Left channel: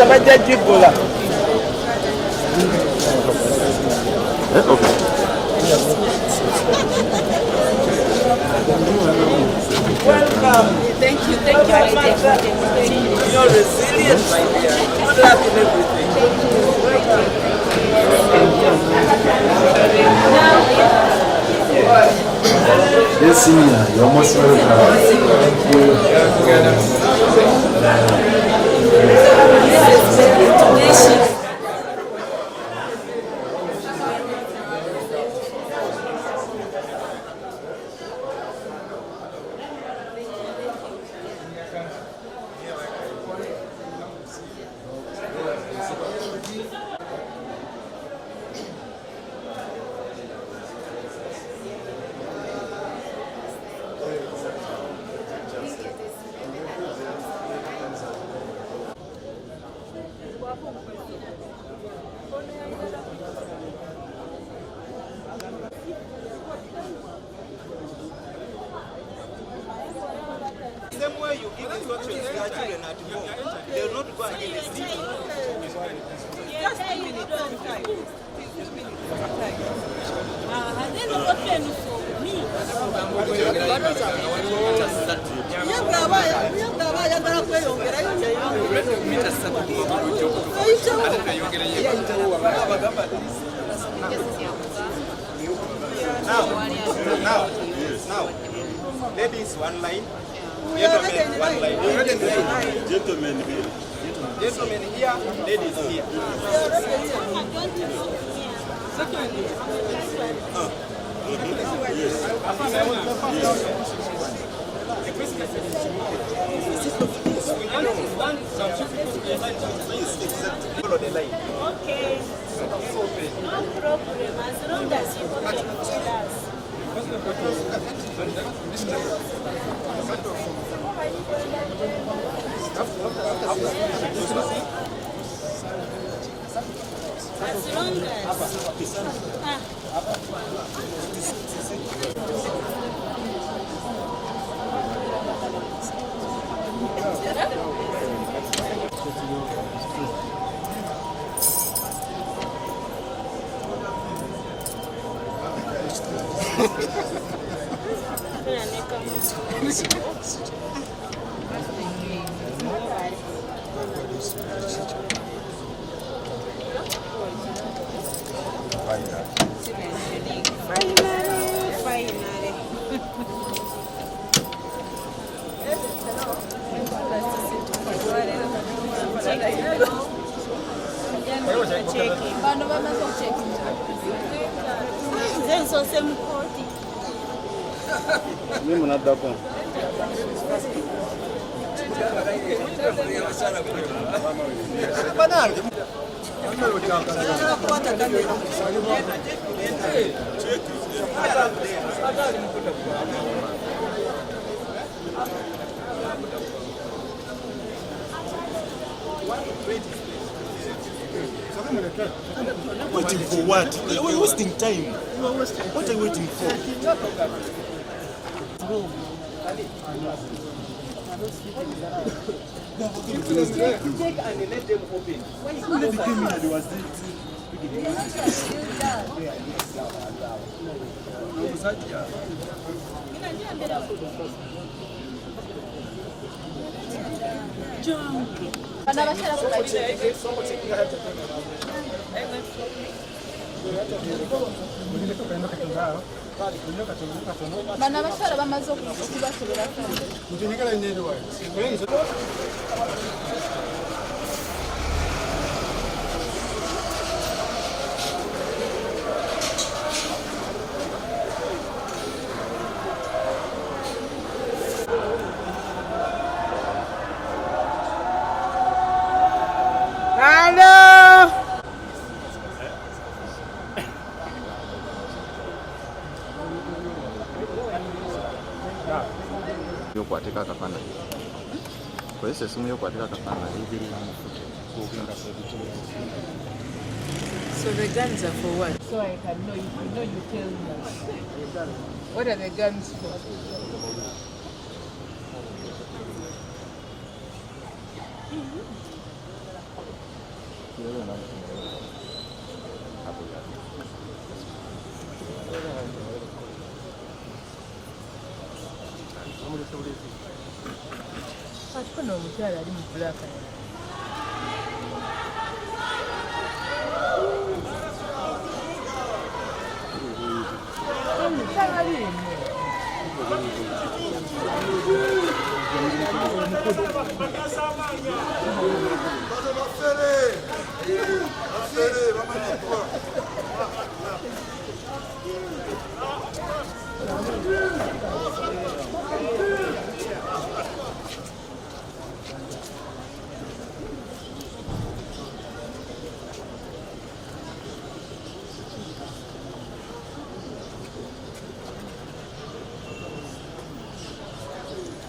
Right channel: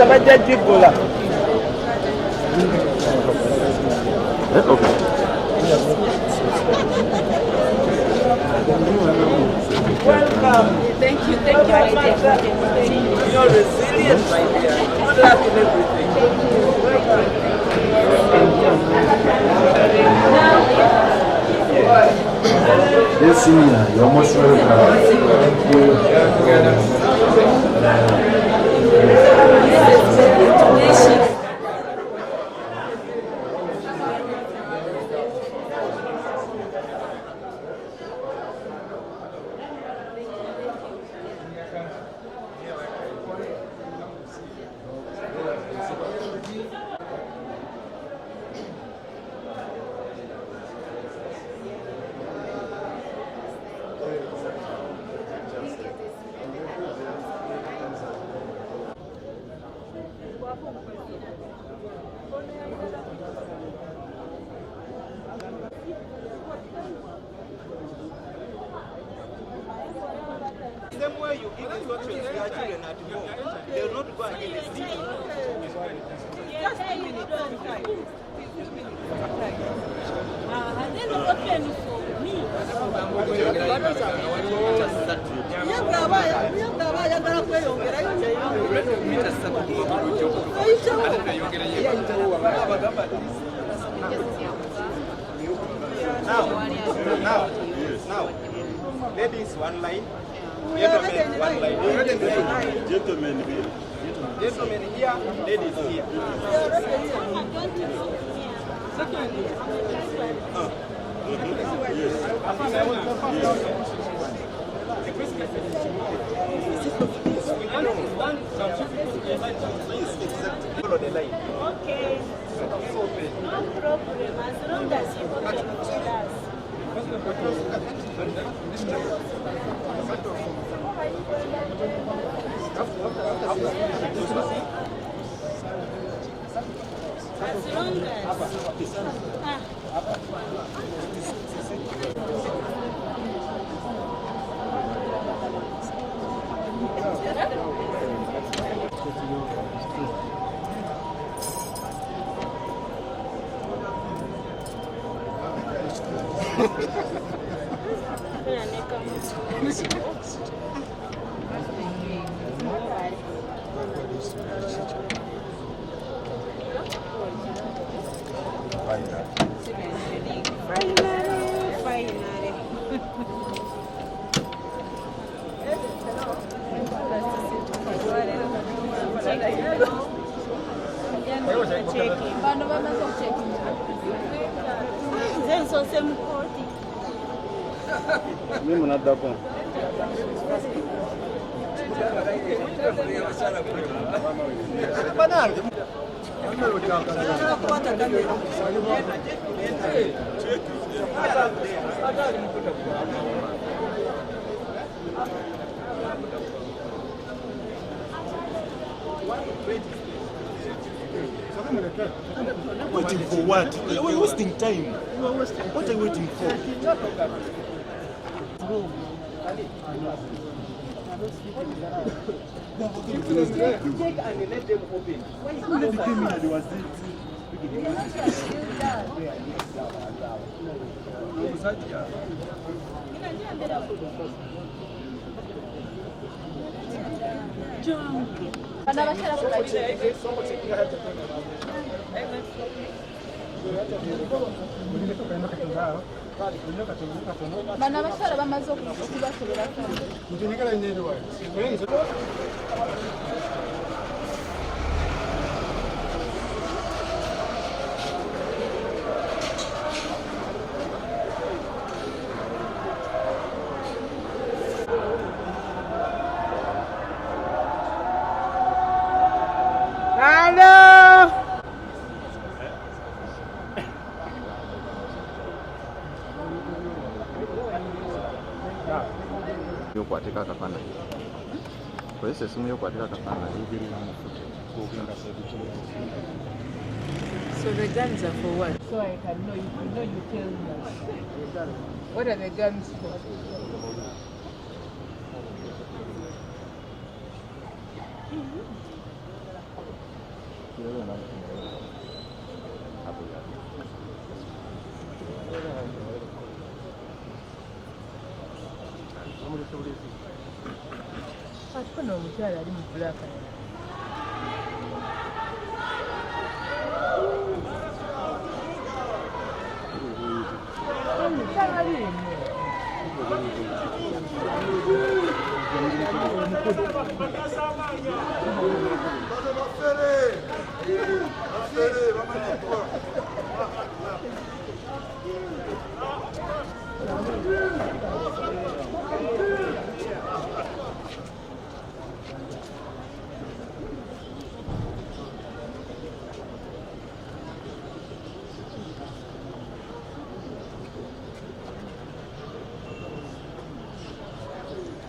Welcome. Thank you. You're resilient. Good luck in everything. Yes, senior, you're most welcome. Same way you give instructions to your children at home, they will not go and give it. Just 2 minutes. Now, ladies, one line. Gentlemen, one line. Gentlemen here, ladies here. Follow the line. Okay. No problem. As long as you protect us. Mimi mnadako. Waiting for what? We're wasting time. What are you waiting for? Take and let them open. When you came in, there was Bana basala bamaze okubasobera Yokuatika kapana. Kwa hiyo simu yokuatika kapana hivi. So the guns are for what? So I can know you tell me. What are the guns for? nafuna omukyala ali mu bulaka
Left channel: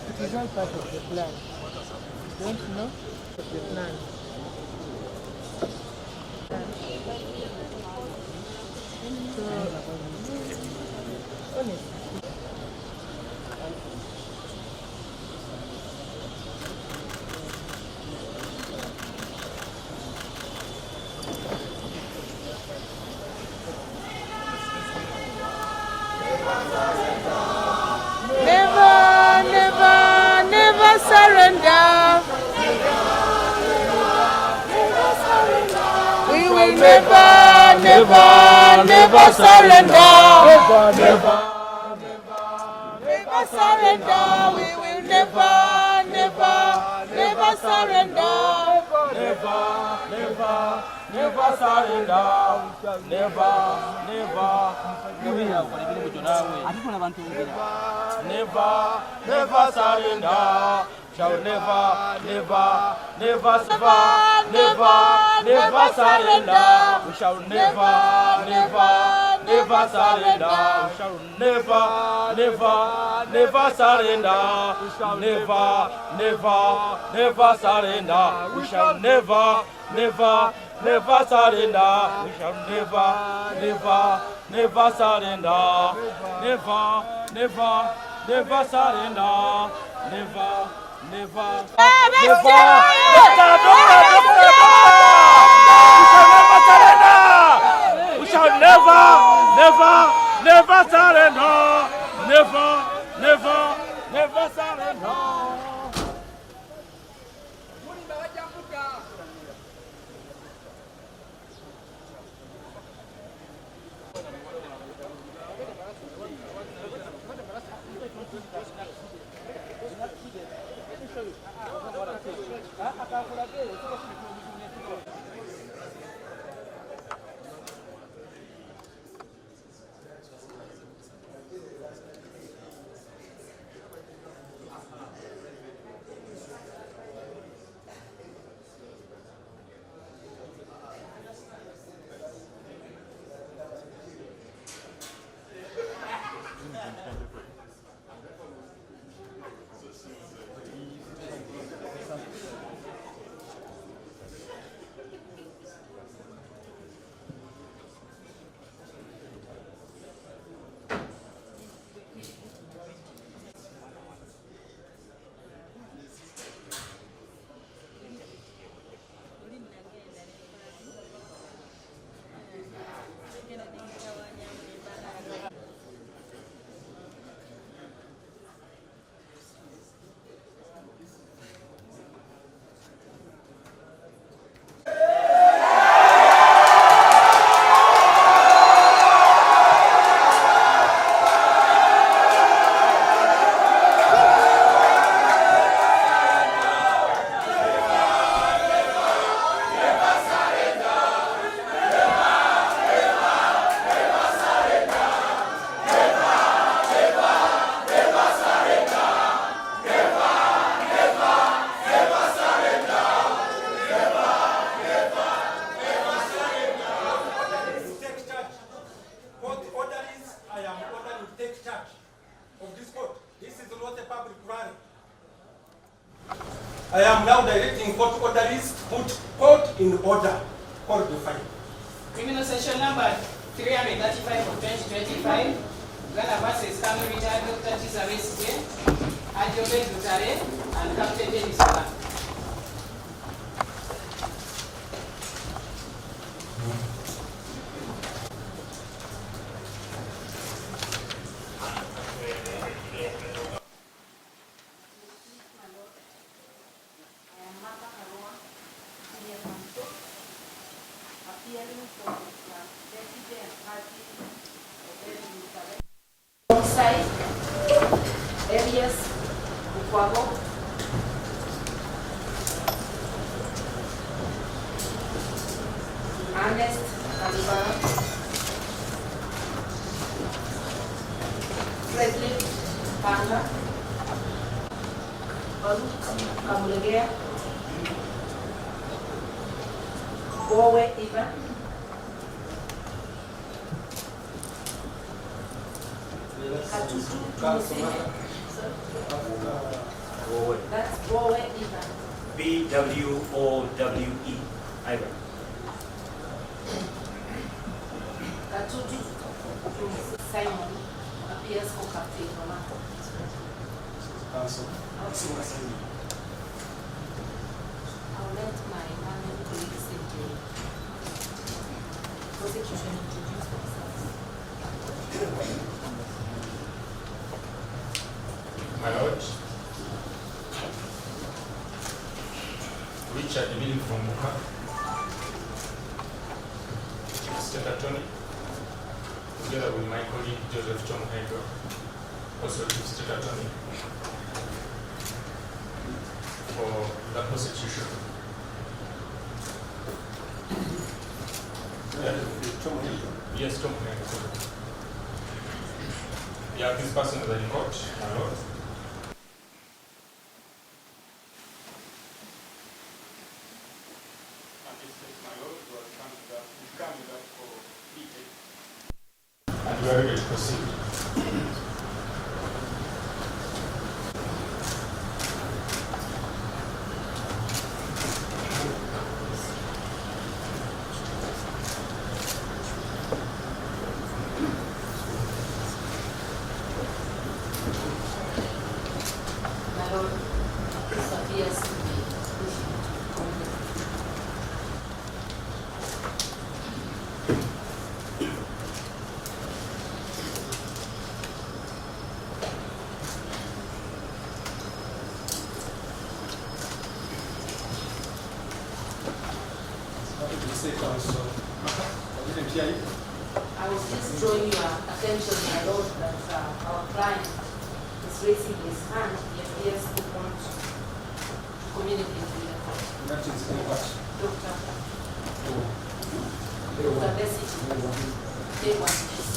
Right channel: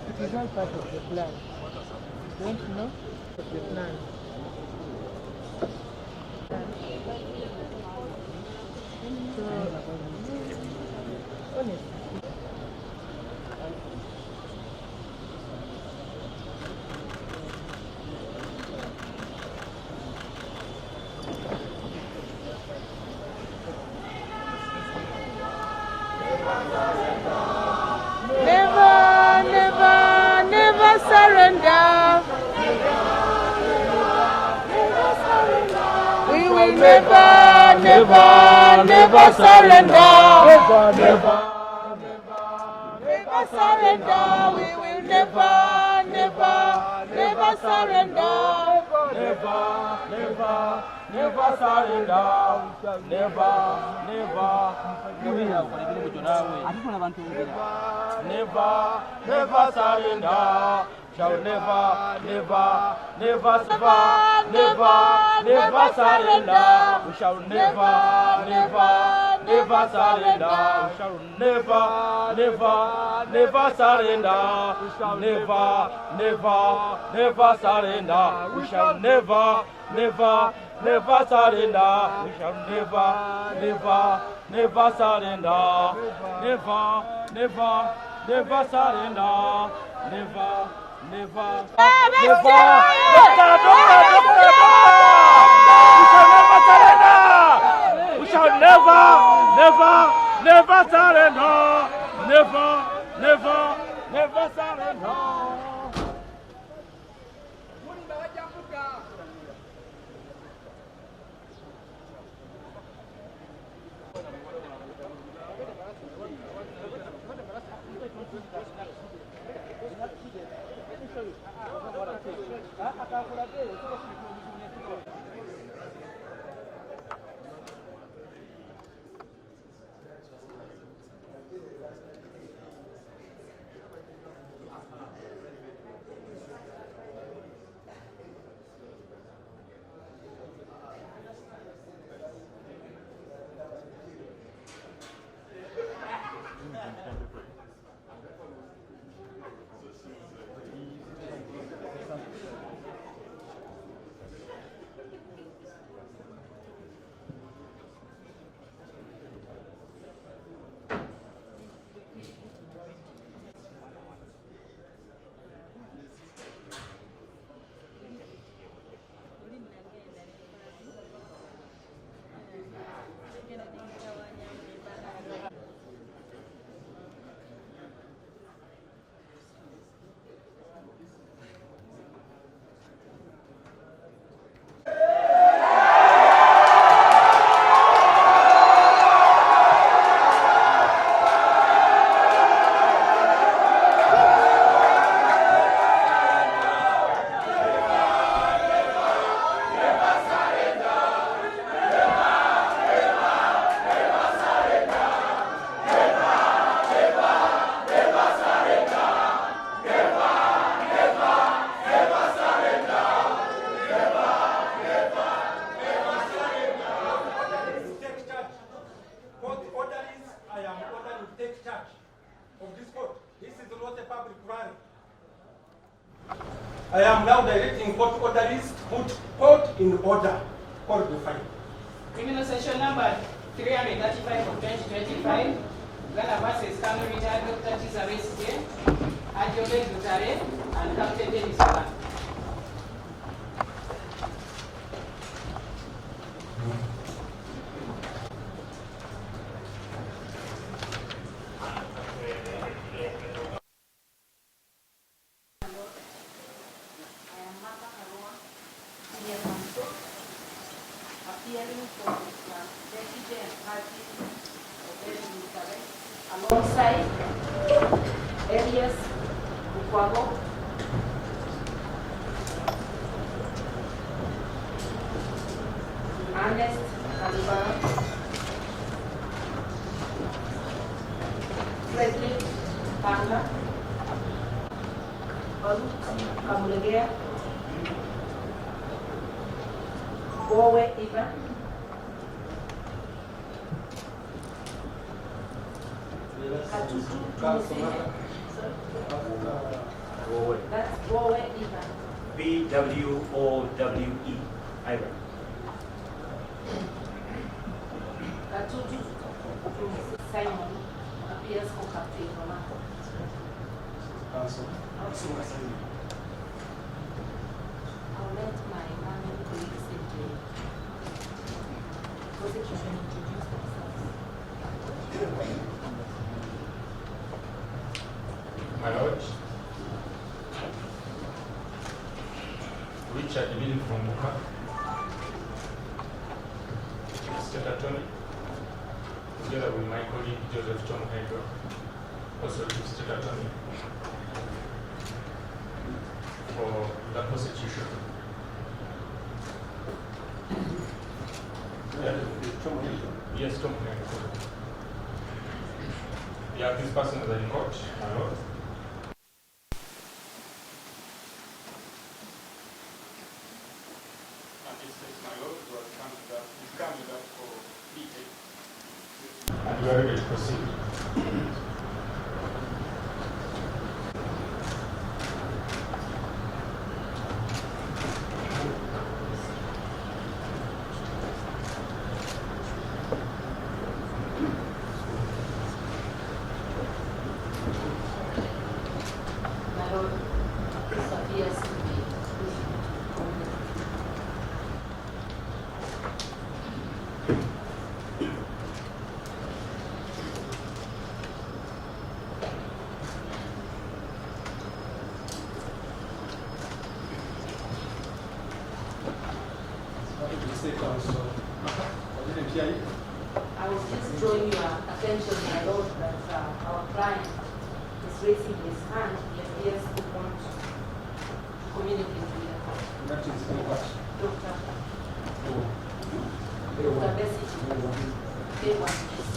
It is all part of the plan. Don't you know? Of the plan. So, honestly. Never surrender. We will never surrender. Never surrender. We will never surrender. Never surrender. Never surrender. Shall never surrender. We shall never surrender. We shall never surrender. We shall never surrender. We shall never surrender. We shall never surrender. Never surrender. Never. We shall never surrender. Never surrender. I am now directing court orderlies put court in order. Court be fine. Criminal Section number 335 of 2025. Ghana versus Kano retired Dr. Kizza Besigye, Ajobe Dutare, and Captain Dennis Ola. Kwago. Ernest Kalibara. Presley Panga. Kamulegea. Bowe Ivan. That's Bowe Ivan. B-W-O-W-E. Ivan. Katutu Simon appears for Captain Monaco. I'll let my colleagues in the prosecution introduce themselves. My Lord, Richard Lee from Buka, State Attorney, together with my colleague Joseph John Hager, also Chief State Attorney, for the prosecution. Yes, Tom Hager. Yeah, this person is in court, my Lord. And we are ready to proceed. My Lord, this appears to be I was just drawing your attention, my Lord, that our client is raising his hand. He appears to want to communicate with the court. Doctor Besigye, they want this.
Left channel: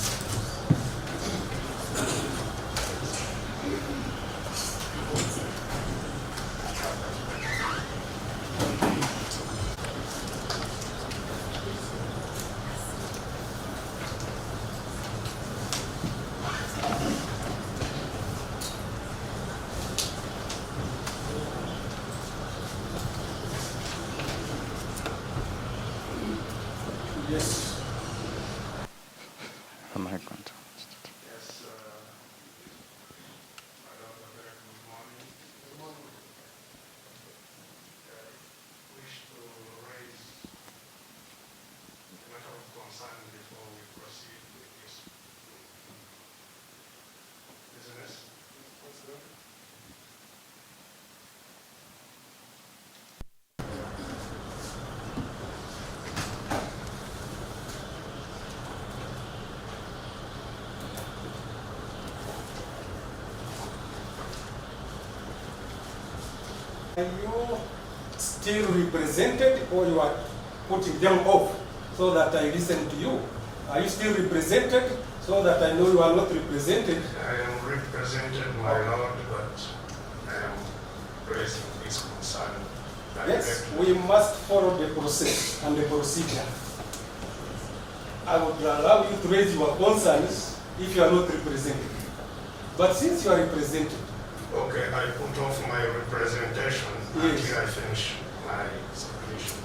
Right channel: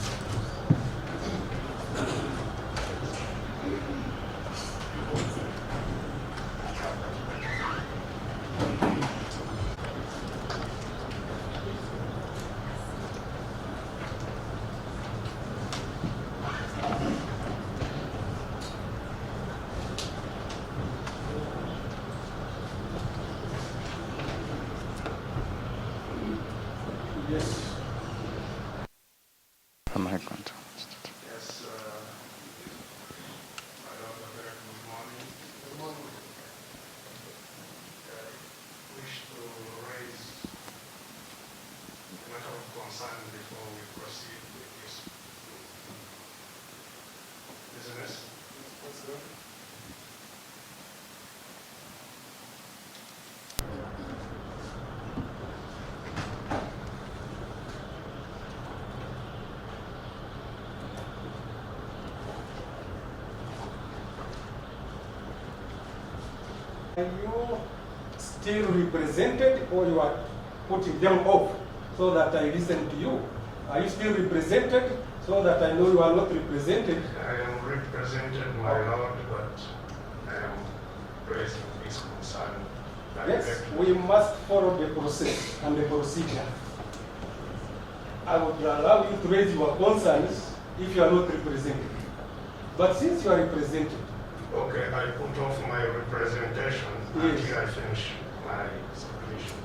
Yes. Am I going to? Yes, Madam, very good morning. Good morning. I wish to raise a matter of concern before we proceed with this business. Are you still represented or you are putting them off so that I listen to you? Are you still represented so that I know you are not represented? I am represented, my Lord, but I am raising this concern. Yes, we must follow the process and the procedure. I would allow you to raise your concerns if you are not represented. But since you are represented, Okay, I put off my representation Yes. until I finish my submission.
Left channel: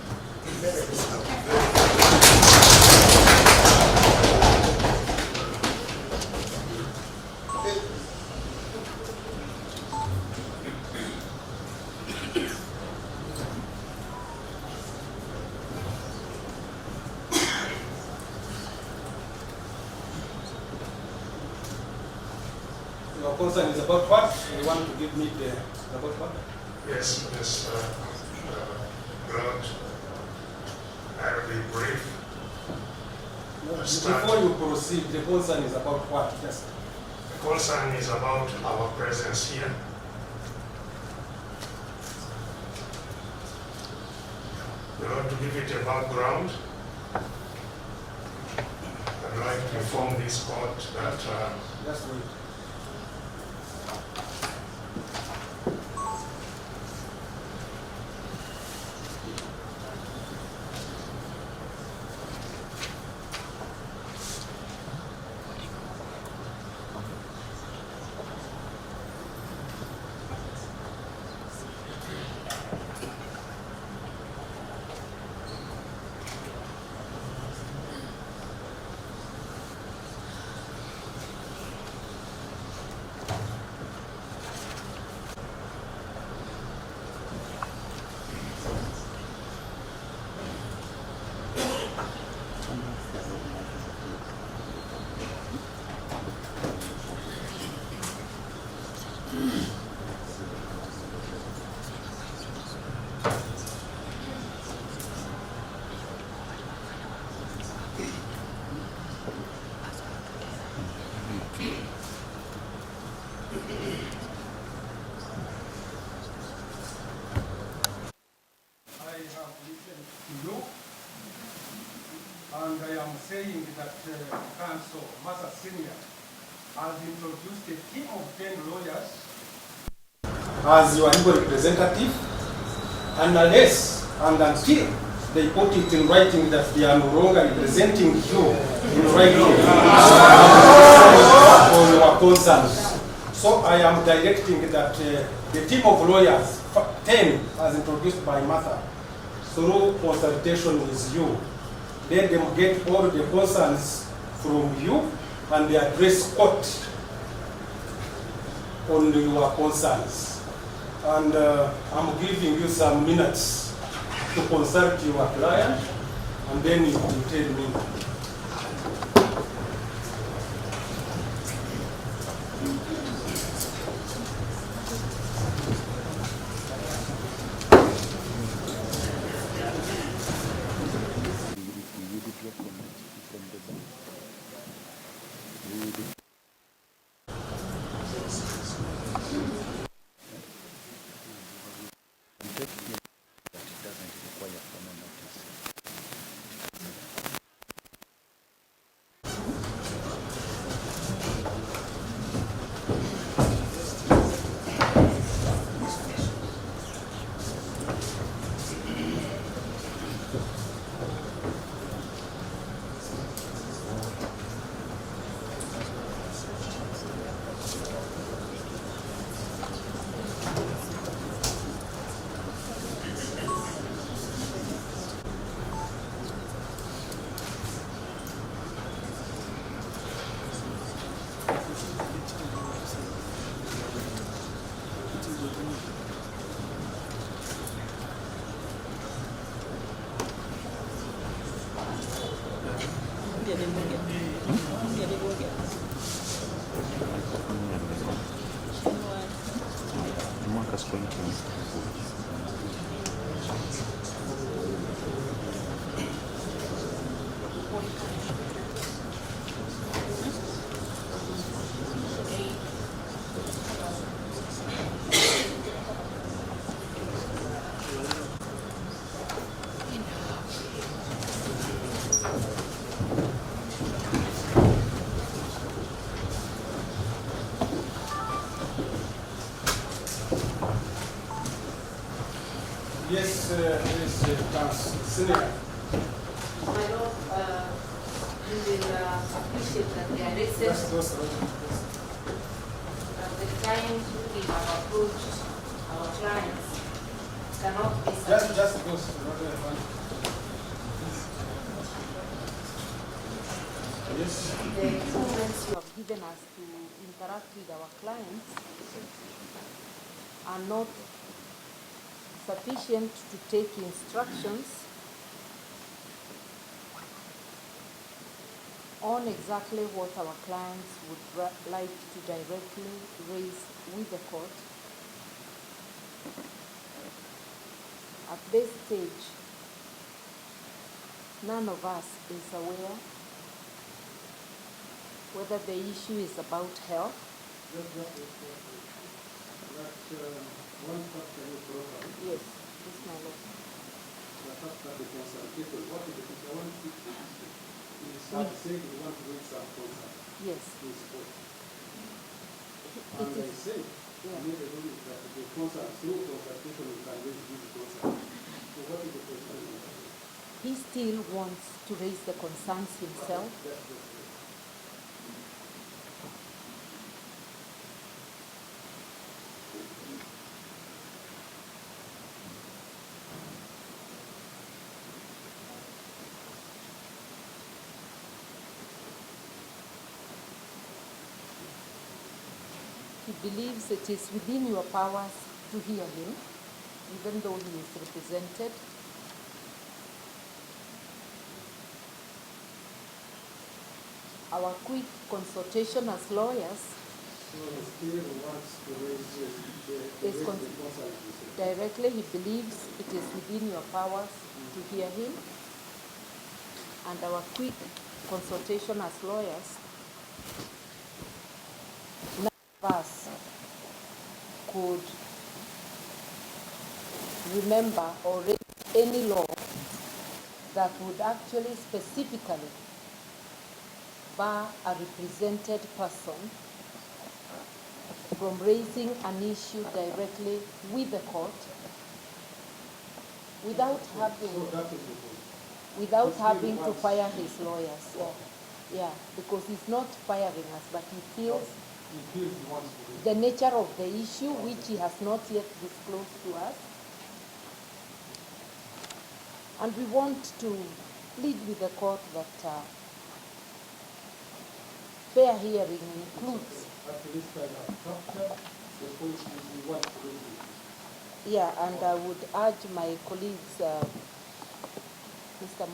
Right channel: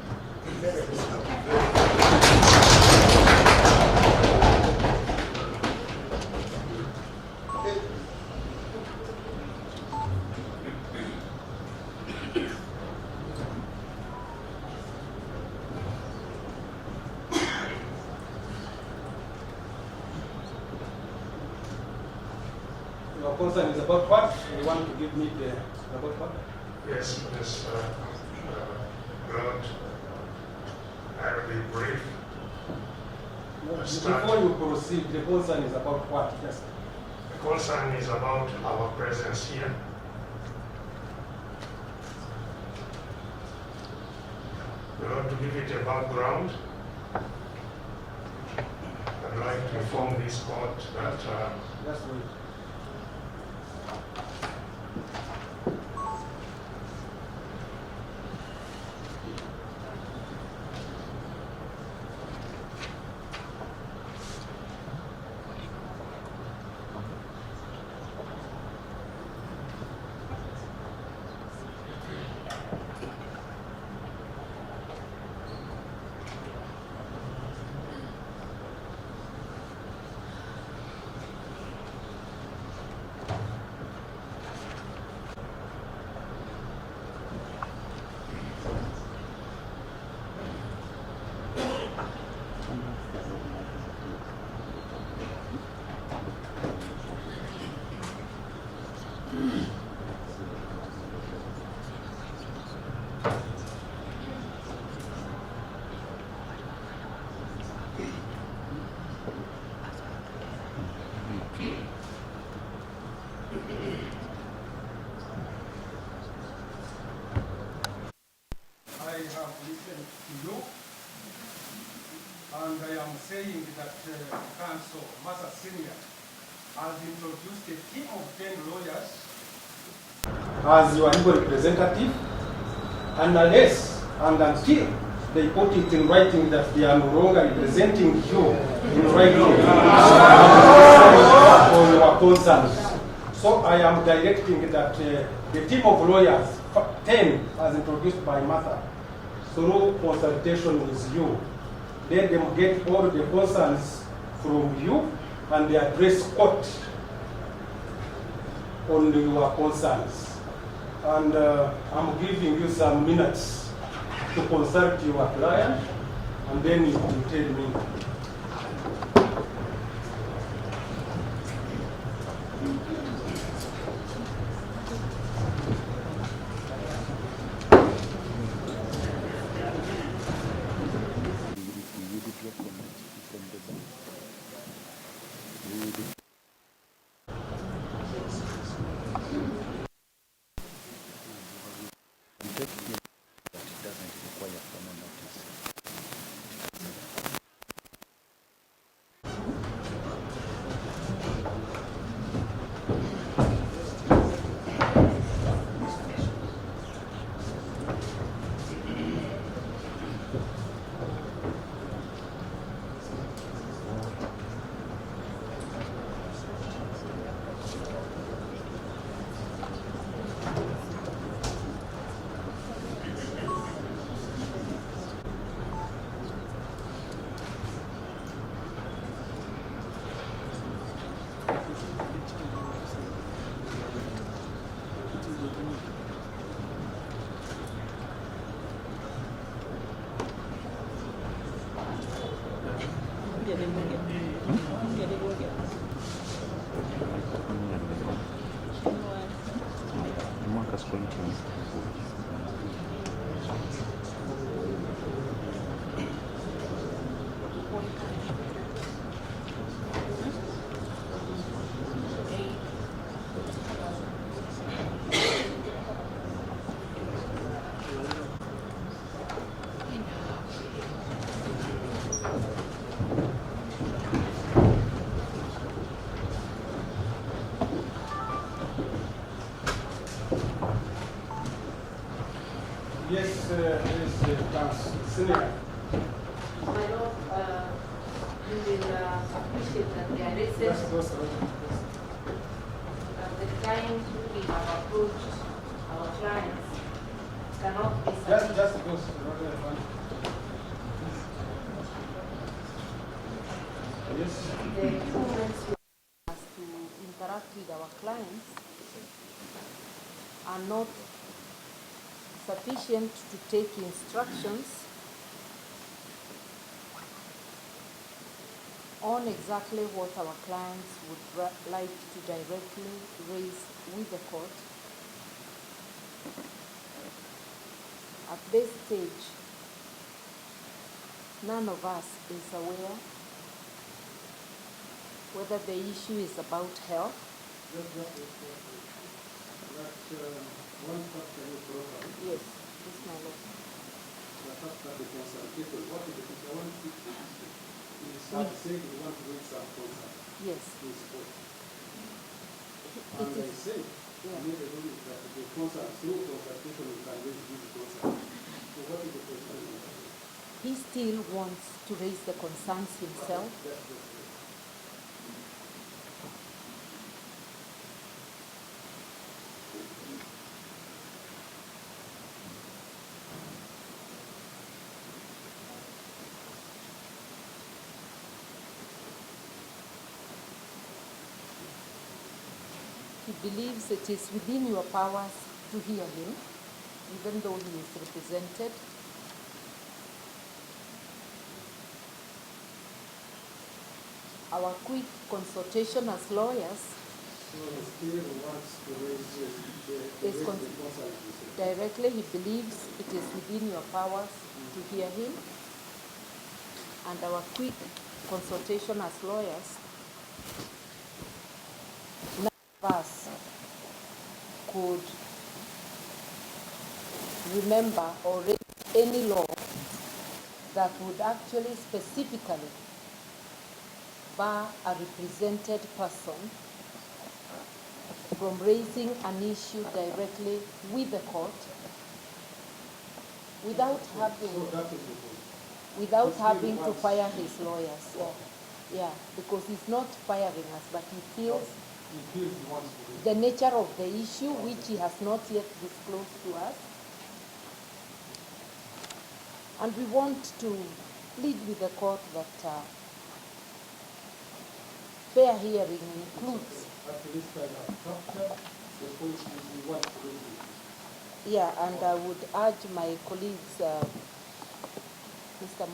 your concern is about what? You want to give me the about what? Yes, Ms. Grant, I'll be brief. Before you proceed, the concern is about what? Yes. The concern is about our presence here. give it a background. I'd like to inform this court that Just wait. I have listened to you, and I am saying that Council Massa Senior has introduced a team of 10 lawyers as your legal representative, and unless and until they put it in writing that they are no longer representing you in writing on your concerns. So I am directing that the team of lawyers, 10 as introduced by Martha, through consultation with you, let them get all the concerns from you and they address court on your concerns. And I'm giving you some minutes to consult your client, and then you will tell me. Yes, Senior. My Lord, you will appreciate that the arrested, that the time we have approached our clients cannot be Just go. Yes. the moments you have given us to interact with our clients are not sufficient to take instructions on exactly what our clients would like to directly raise with the court. At this stage, none of us is aware whether the issue is about health, One question you brought up. yes, this my lord, That after the consultation, what is the picture? One picture. He started saying we want to raise some concern. Yes. He spoke. It And I is. said, Yeah. made a ruling that the concern, through consultation, we can raise this concern. So what is the concern? He still wants to raise the concerns himself. He believes it is within your powers to hear him, even though he is represented. Our quick consultation as lawyers So he still wants to raise is the concern. directly. He believes it is within your powers to hear him. And our quick consultation as lawyers, none of us could remember or raise any law that would actually specifically bar a represented person from raising an issue directly with the court without having to fire his lawyers. Yeah, because he's not firing us, but he feels the nature of the issue, which he has not yet disclosed to us. And we want to plead with the court that fair hearing includes. At least I have captured the point we want to raise. Yeah, and I would urge my colleagues, Mr.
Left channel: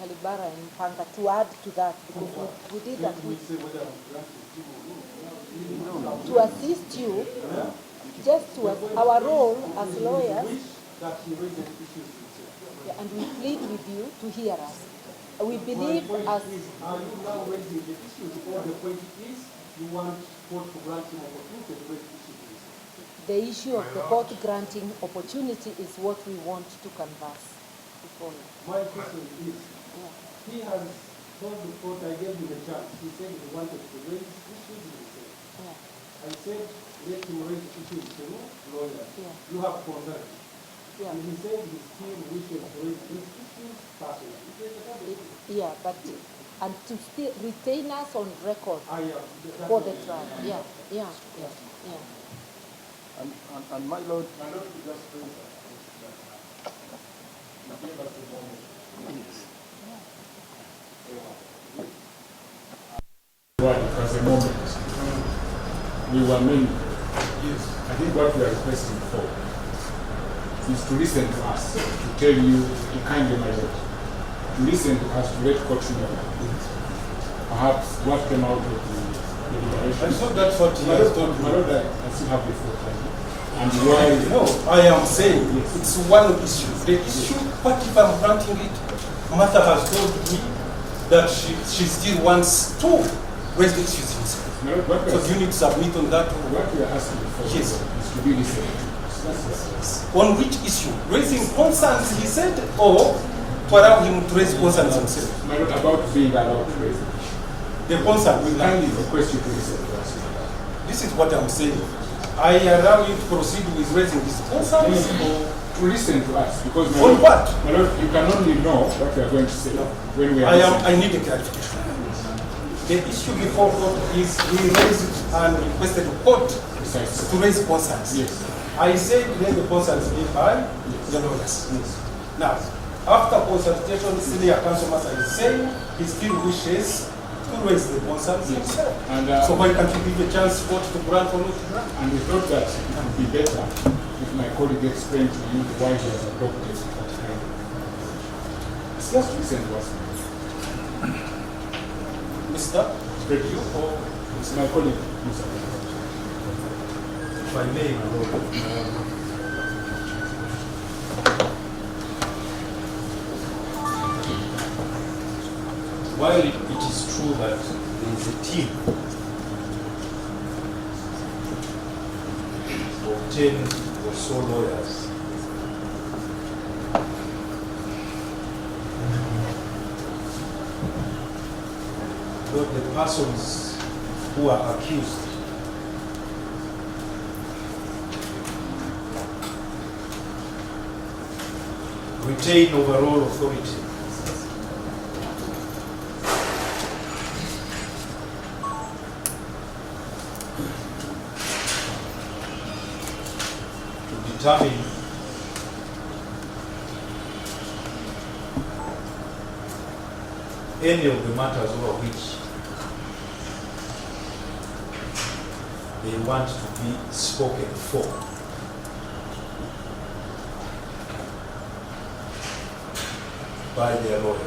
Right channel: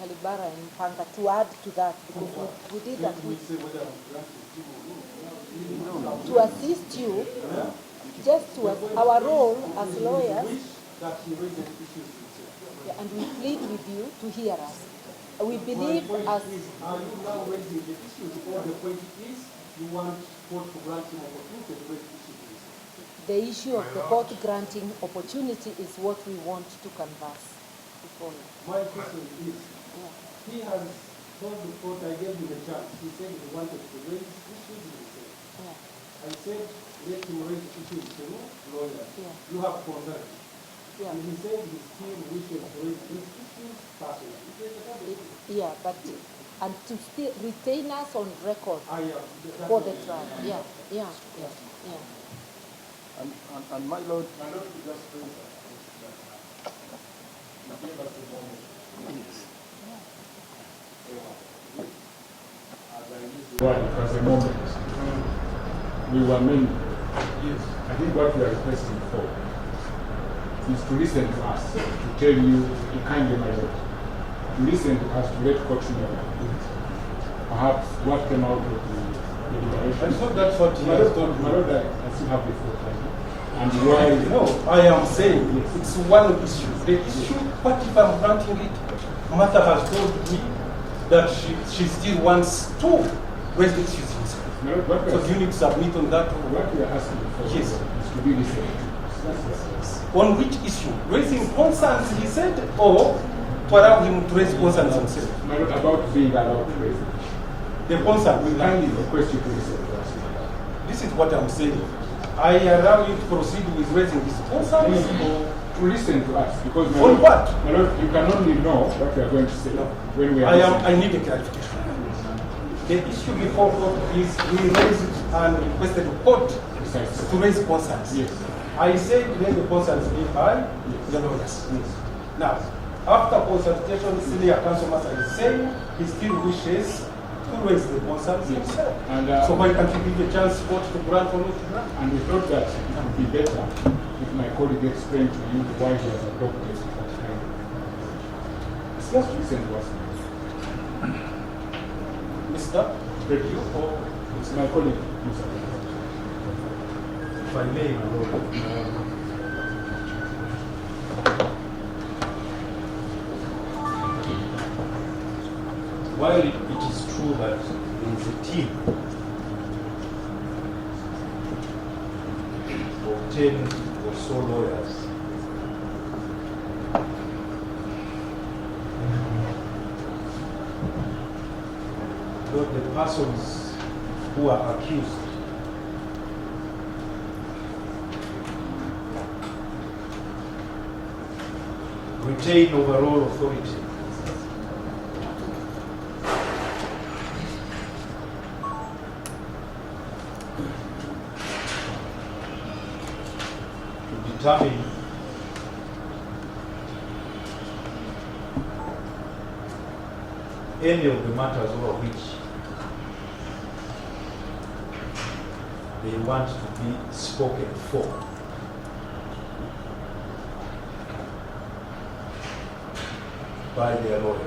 Kalibara and Panga, to add to that, because we did that to assist you, just to our role as lawyers, That he raises issues himself. yeah, and we plead with you to hear us. We believe My point as is, are you now raising the issues, or the point is you want court to grant him opportunity to raise issues himself? the issue of the court granting opportunity is what we want to canvass before you. My question is, he has told the court, I gave him a chance. He said he wanted to raise issues himself. Yeah. I said, let him raise issues to lawyer. Yeah. You have concern. Yeah. And he said he still wishes to raise these issues personally. Yeah, but and to still retain us on record for the trial. Yeah. And my lord, My Lord, we just raise that. You gave us the moment. Well, because a moment we were many. I think what we are requesting for is to listen to us, to tell you, to kindly, my lord, to listen to us, to let court know perhaps what came out of the deliberation. I thought that's what he has told My me. lord, I still have the floor. And why? No, I am saying it's one issue. The issue, what if I'm granting it? Martha has told me that she still wants to raise the issues himself. My lord, what we So are- you need to submit on that. what we are asking for Yes. is to be listened to. On which issue? Raising concerns, he said, or to allow him to raise concerns himself? My lord, about being allowed to raise it. The concern We will kindly kindly. request you to listen to us. This is what I'm saying. I allow you to proceed with raising these concerns. To listen to us, because my On lord, what? my lord, you can only know what we are going to say when we are listening. I need a clarification. The issue before court is he raised and requested the court Precisely. to raise concerns. Yes. I said let the concerns be by the lawyers. Now, after consultation, senior counsel master is saying he still wishes to raise the concerns himself. And, So why can't you give a chance court to grant or not to grant? and we thought that it would be better if my colleague explained to you why he has adopted that kind of. It's just listen to us. Mr. Spread you or it's my colleague, Mr. If I may, my lord. While it is true that there is a team of 10 or so lawyers the persons who are accused retain overall authority to determine any of the matters over which they want to be spoken for. By their lawyers.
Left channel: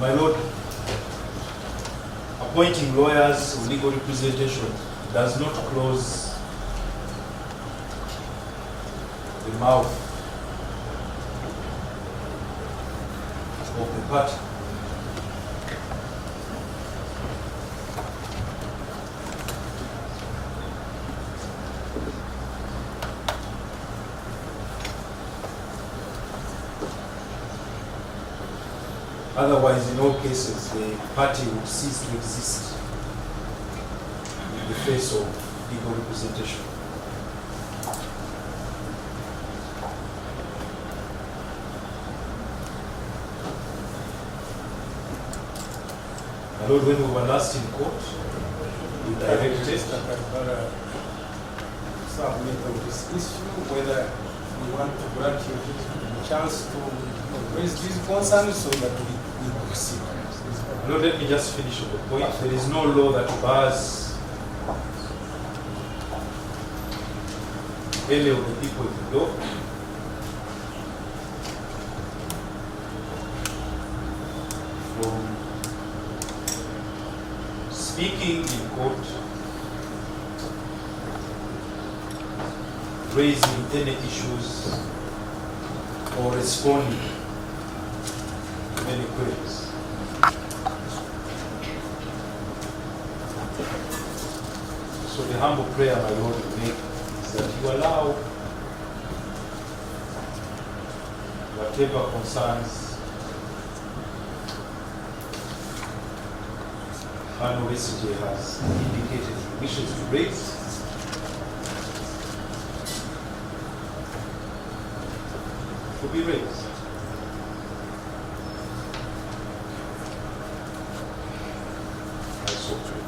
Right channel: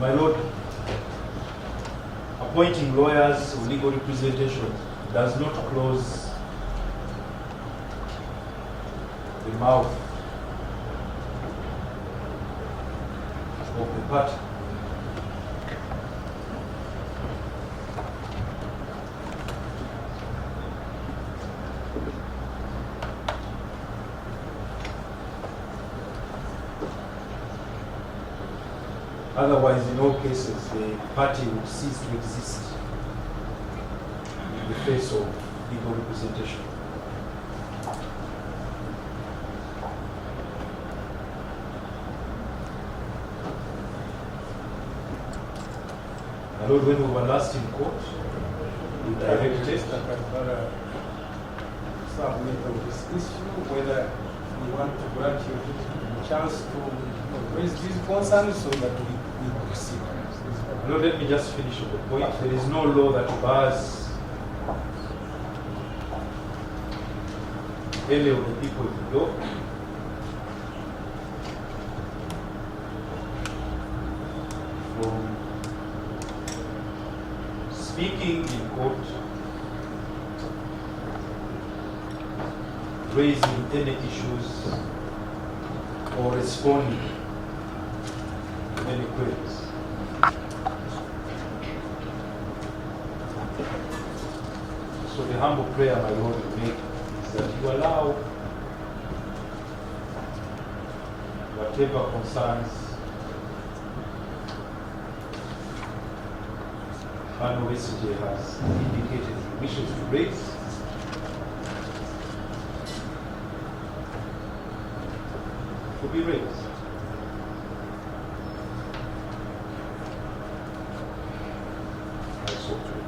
My Lord, appointing lawyers or legal representation does not close the mouth of the party. Otherwise, in all cases, the party would cease to exist in the face of legal representation. My Lord, when we were last in court, we directed submit of this issue, whether we want to grant you the chance to raise these concerns so that we proceed. Lord, let me just finish the point. There is no law that bars any of the people in the law from speaking in court, raising any issues, or responding to any queries. So the humble prayer, my Lord, will make is that you allow whatever concerns Honorable Besigye has indicated he wishes to raise, to be raised. I so pray.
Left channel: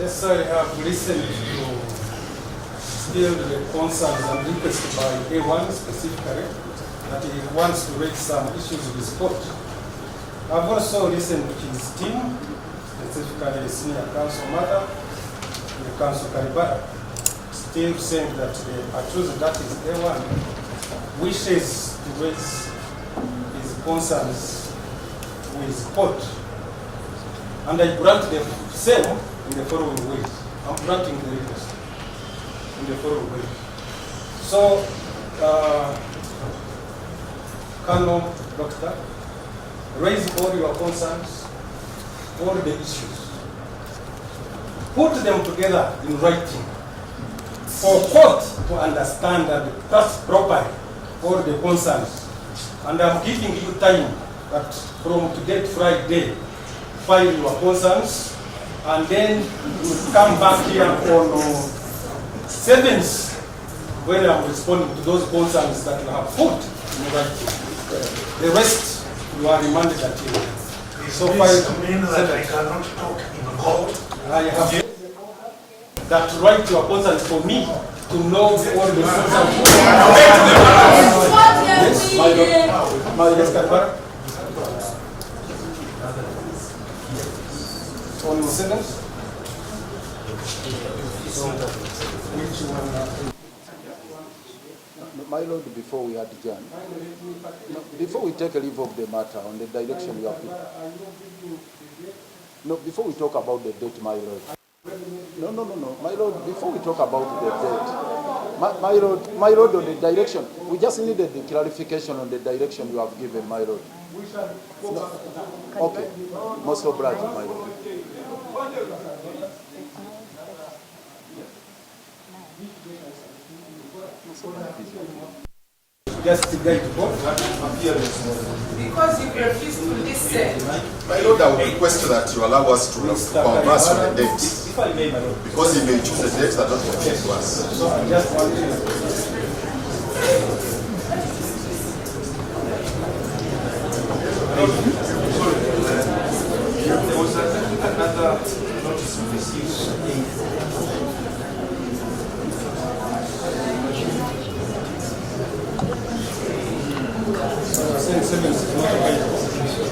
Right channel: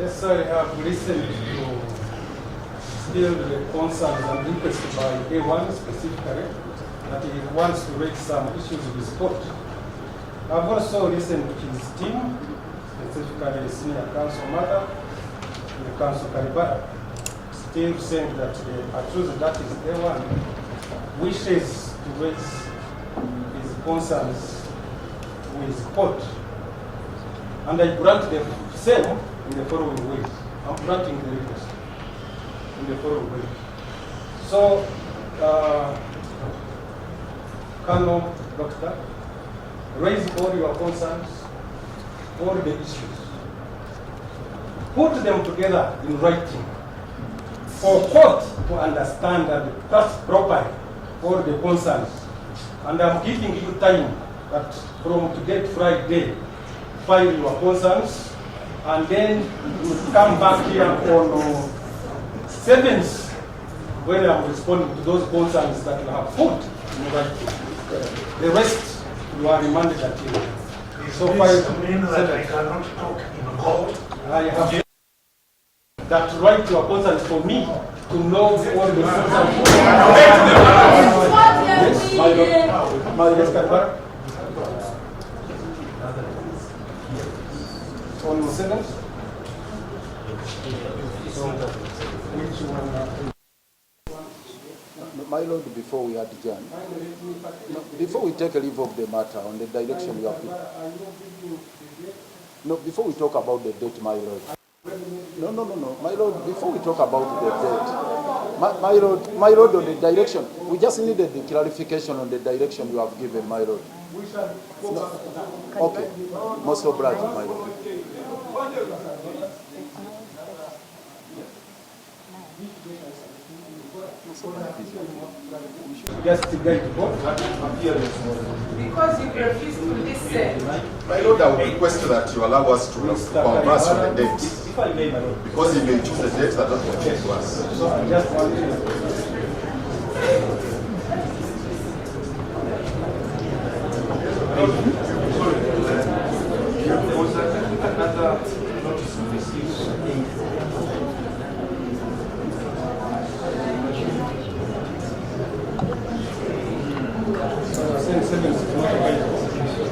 Yes, I have listened to still the concerns and requests by A1 specifically, that he wants to raise some issues with sport. I've also listened to his team, specifically the senior council mother, and the council Karibara, still saying that the accused, that is A1, wishes to raise his concerns with sport. And I grant them same in the following ways. I'm granting the request in the following ways. So, Colonel Doctor, raise all your concerns, all the issues. Put them together in writing for court to understand and pass properly all the concerns. And I'm giving you time that from today to Friday, file your concerns, and then you come back here on 7th when I'm responding to those concerns that you have put in writing. The rest you are remanded until. So This means that I cannot talk in court. I have that right to your concerns for me to know all the concerns. Yes, my Lord. Yes, Karibara. On 7th? Which one? My Lord, before we adjourn, before we take a leave of the matter on the direction you have given, no, before we talk about the date, my Lord. No, my Lord, before we talk about the date, my Lord, on the direction, we just needed the clarification on the direction you have given, my Lord. No. Okay, most obliged, my Lord. Just to get Because you refuse to listen. My Lord, I would request that you allow us to converse on the date. Because he may choose a date that does not conform to us. There was another notice we received.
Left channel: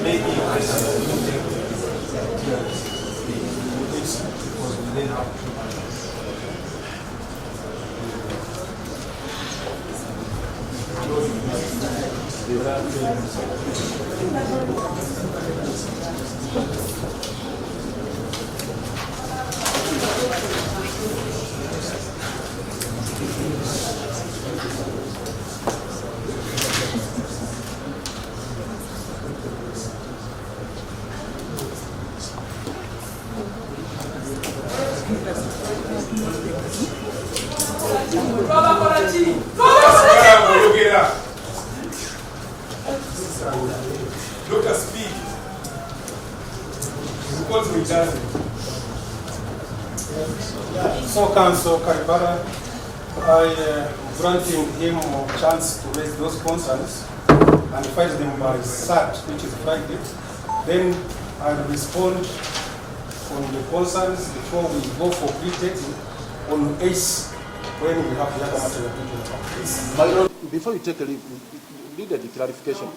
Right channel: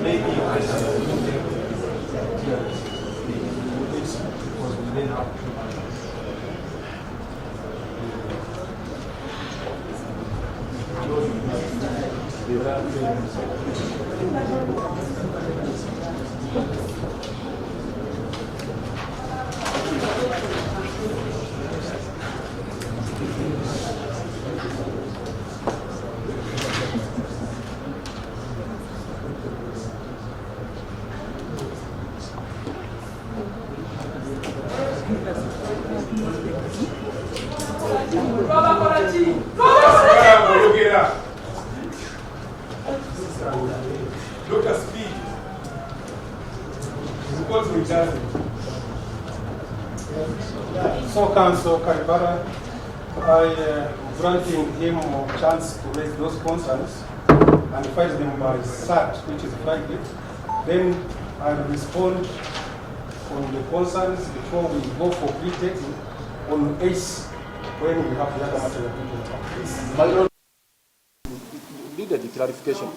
Maybe this was within our look at speed. So, Council Karibara, I granting him a chance to raise those concerns and fight them by SAT, which is Friday. Then I will respond on the concerns before we go for pre-dating on 8th when we have the other matter of My Lord, before you take a leave, we needed the clarification.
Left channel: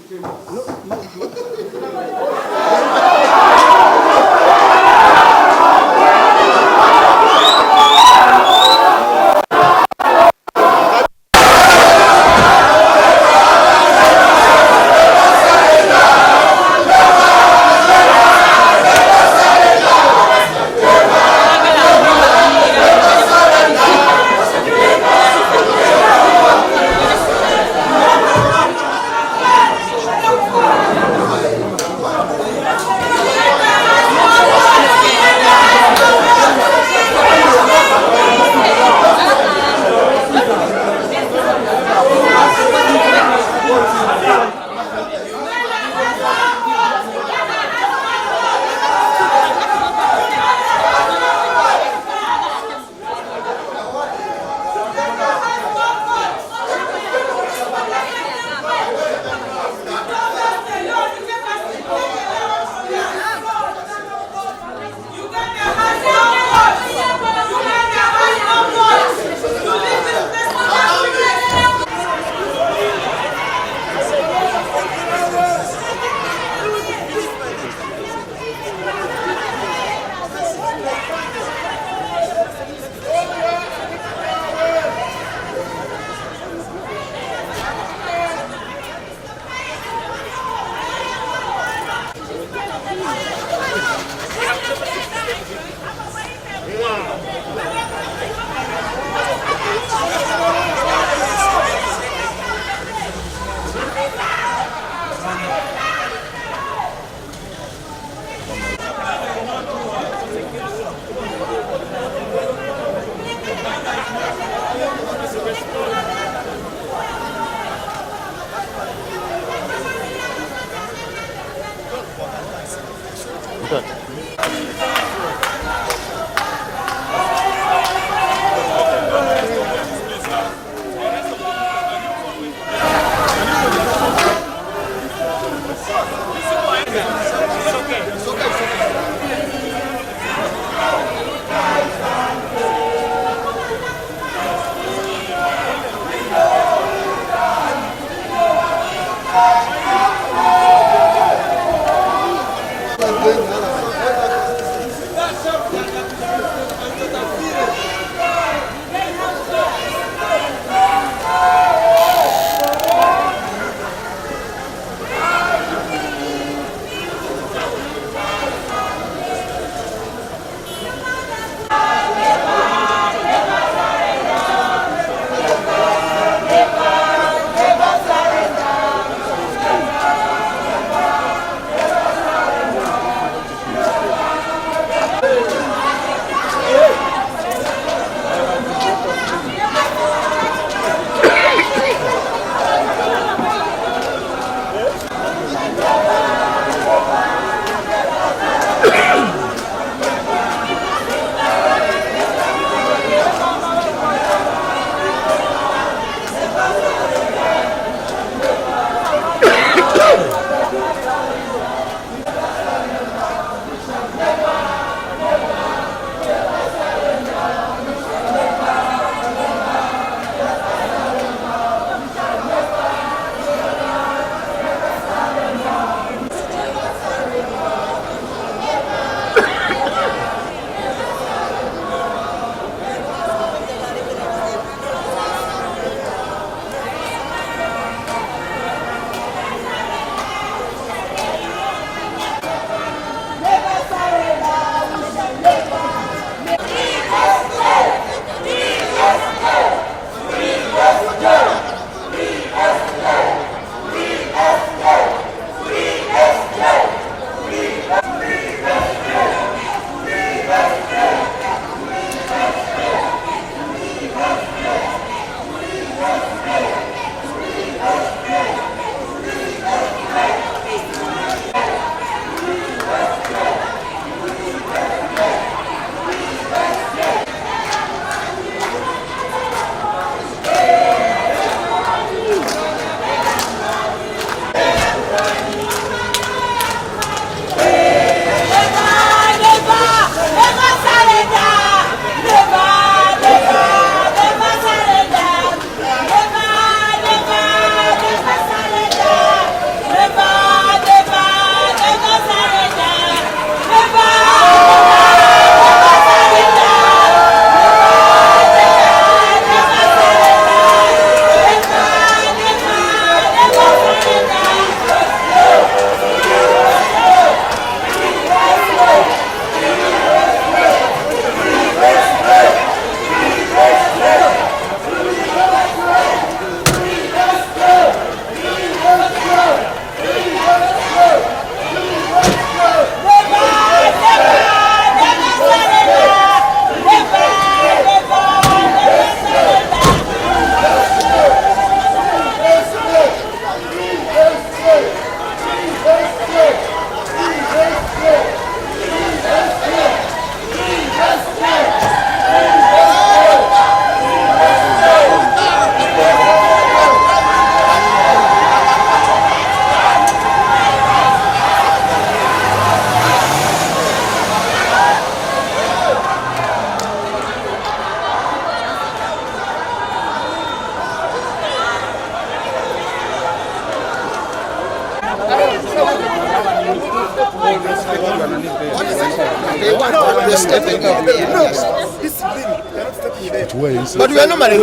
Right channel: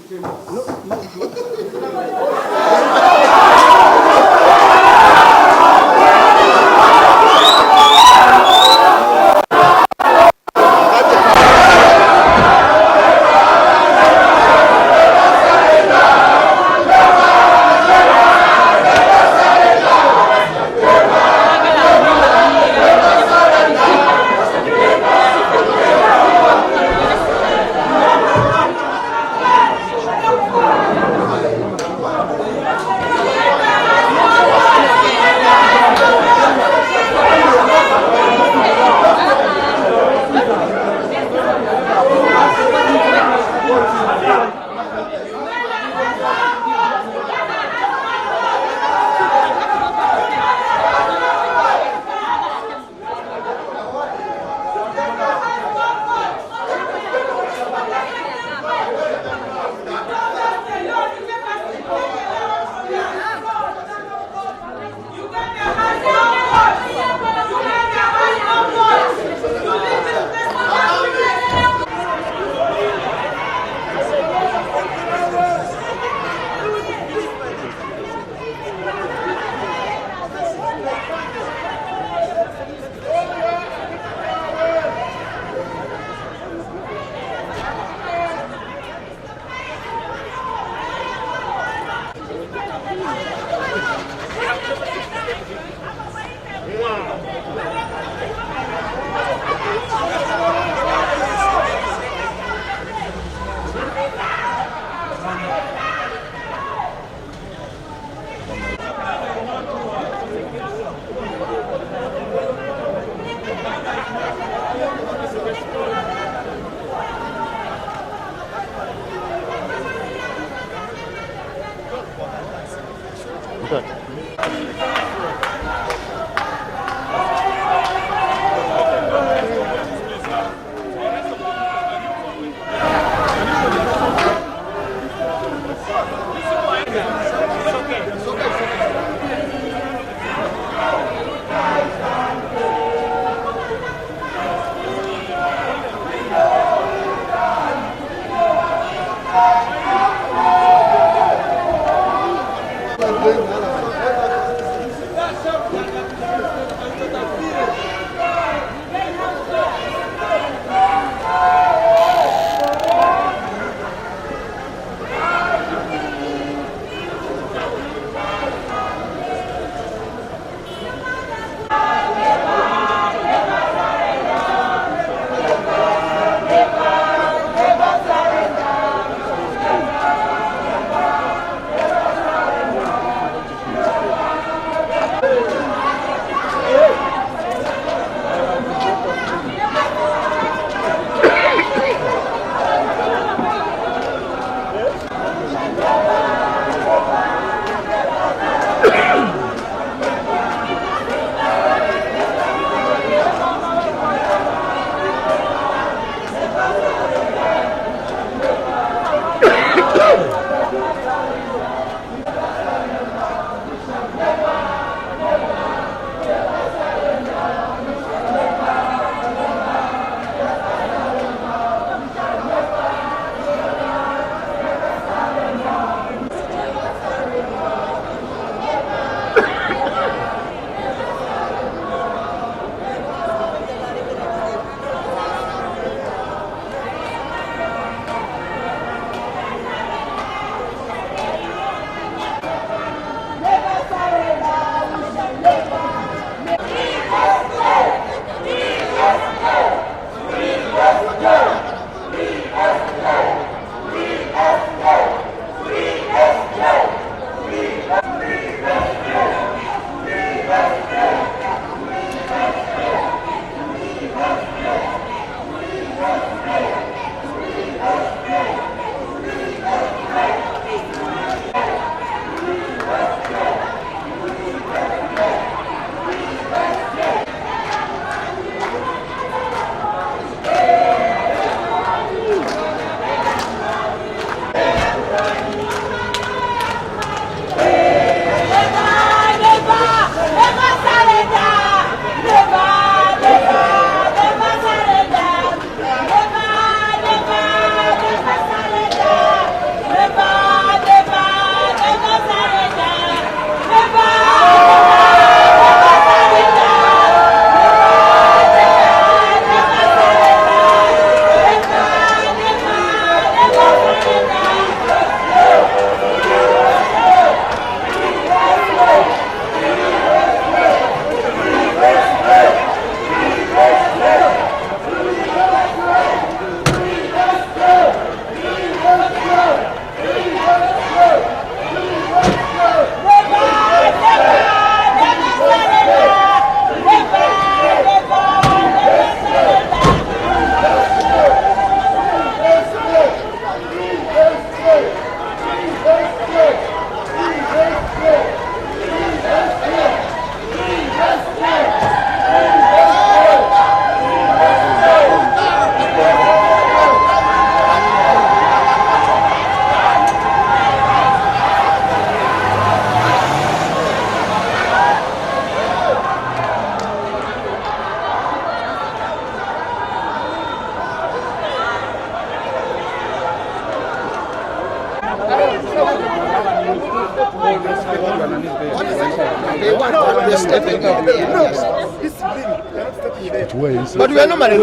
But we are not married.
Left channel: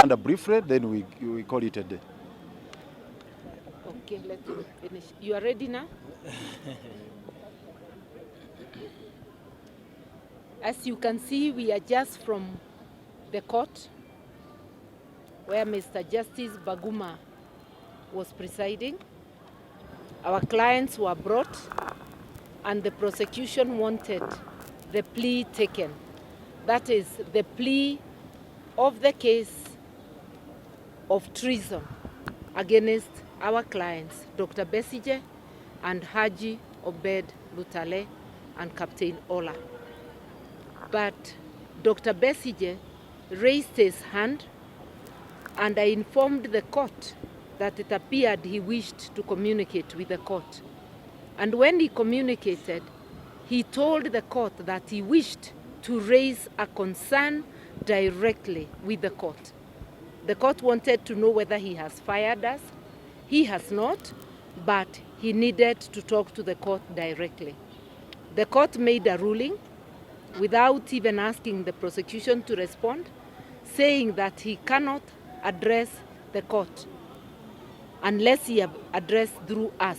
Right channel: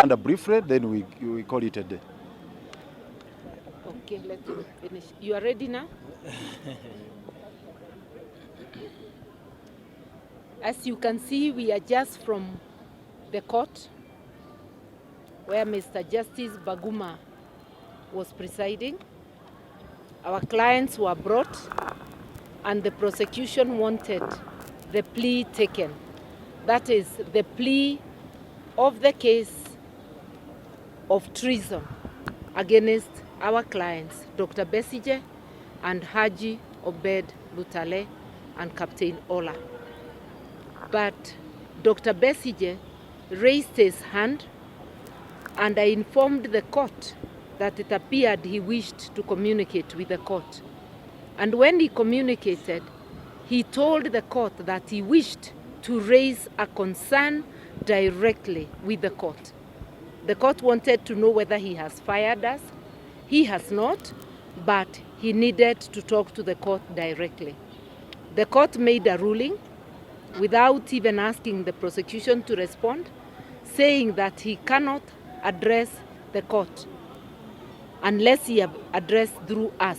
And briefly, then we call it a day. Okay, let's finish. You are ready now? As you can see, we are just from the court where Mr. Justice Baguma was presiding. Our clients were brought and the prosecution wanted the plea taken. That is the plea of the case of treason against our clients, Dr. Besigye and Haji Obed Lutale and Captain Ola. But Dr. Besigye raised his hand and I informed the court that it appeared he wished to communicate with the court. And when he communicated, he told the court that he wished to raise a concern directly with the court. The court wanted to know whether he has fired us. He has not, but he needed to talk to the court directly. The court made a ruling without even asking the prosecution to respond, saying that he cannot address the court unless he have addressed through us.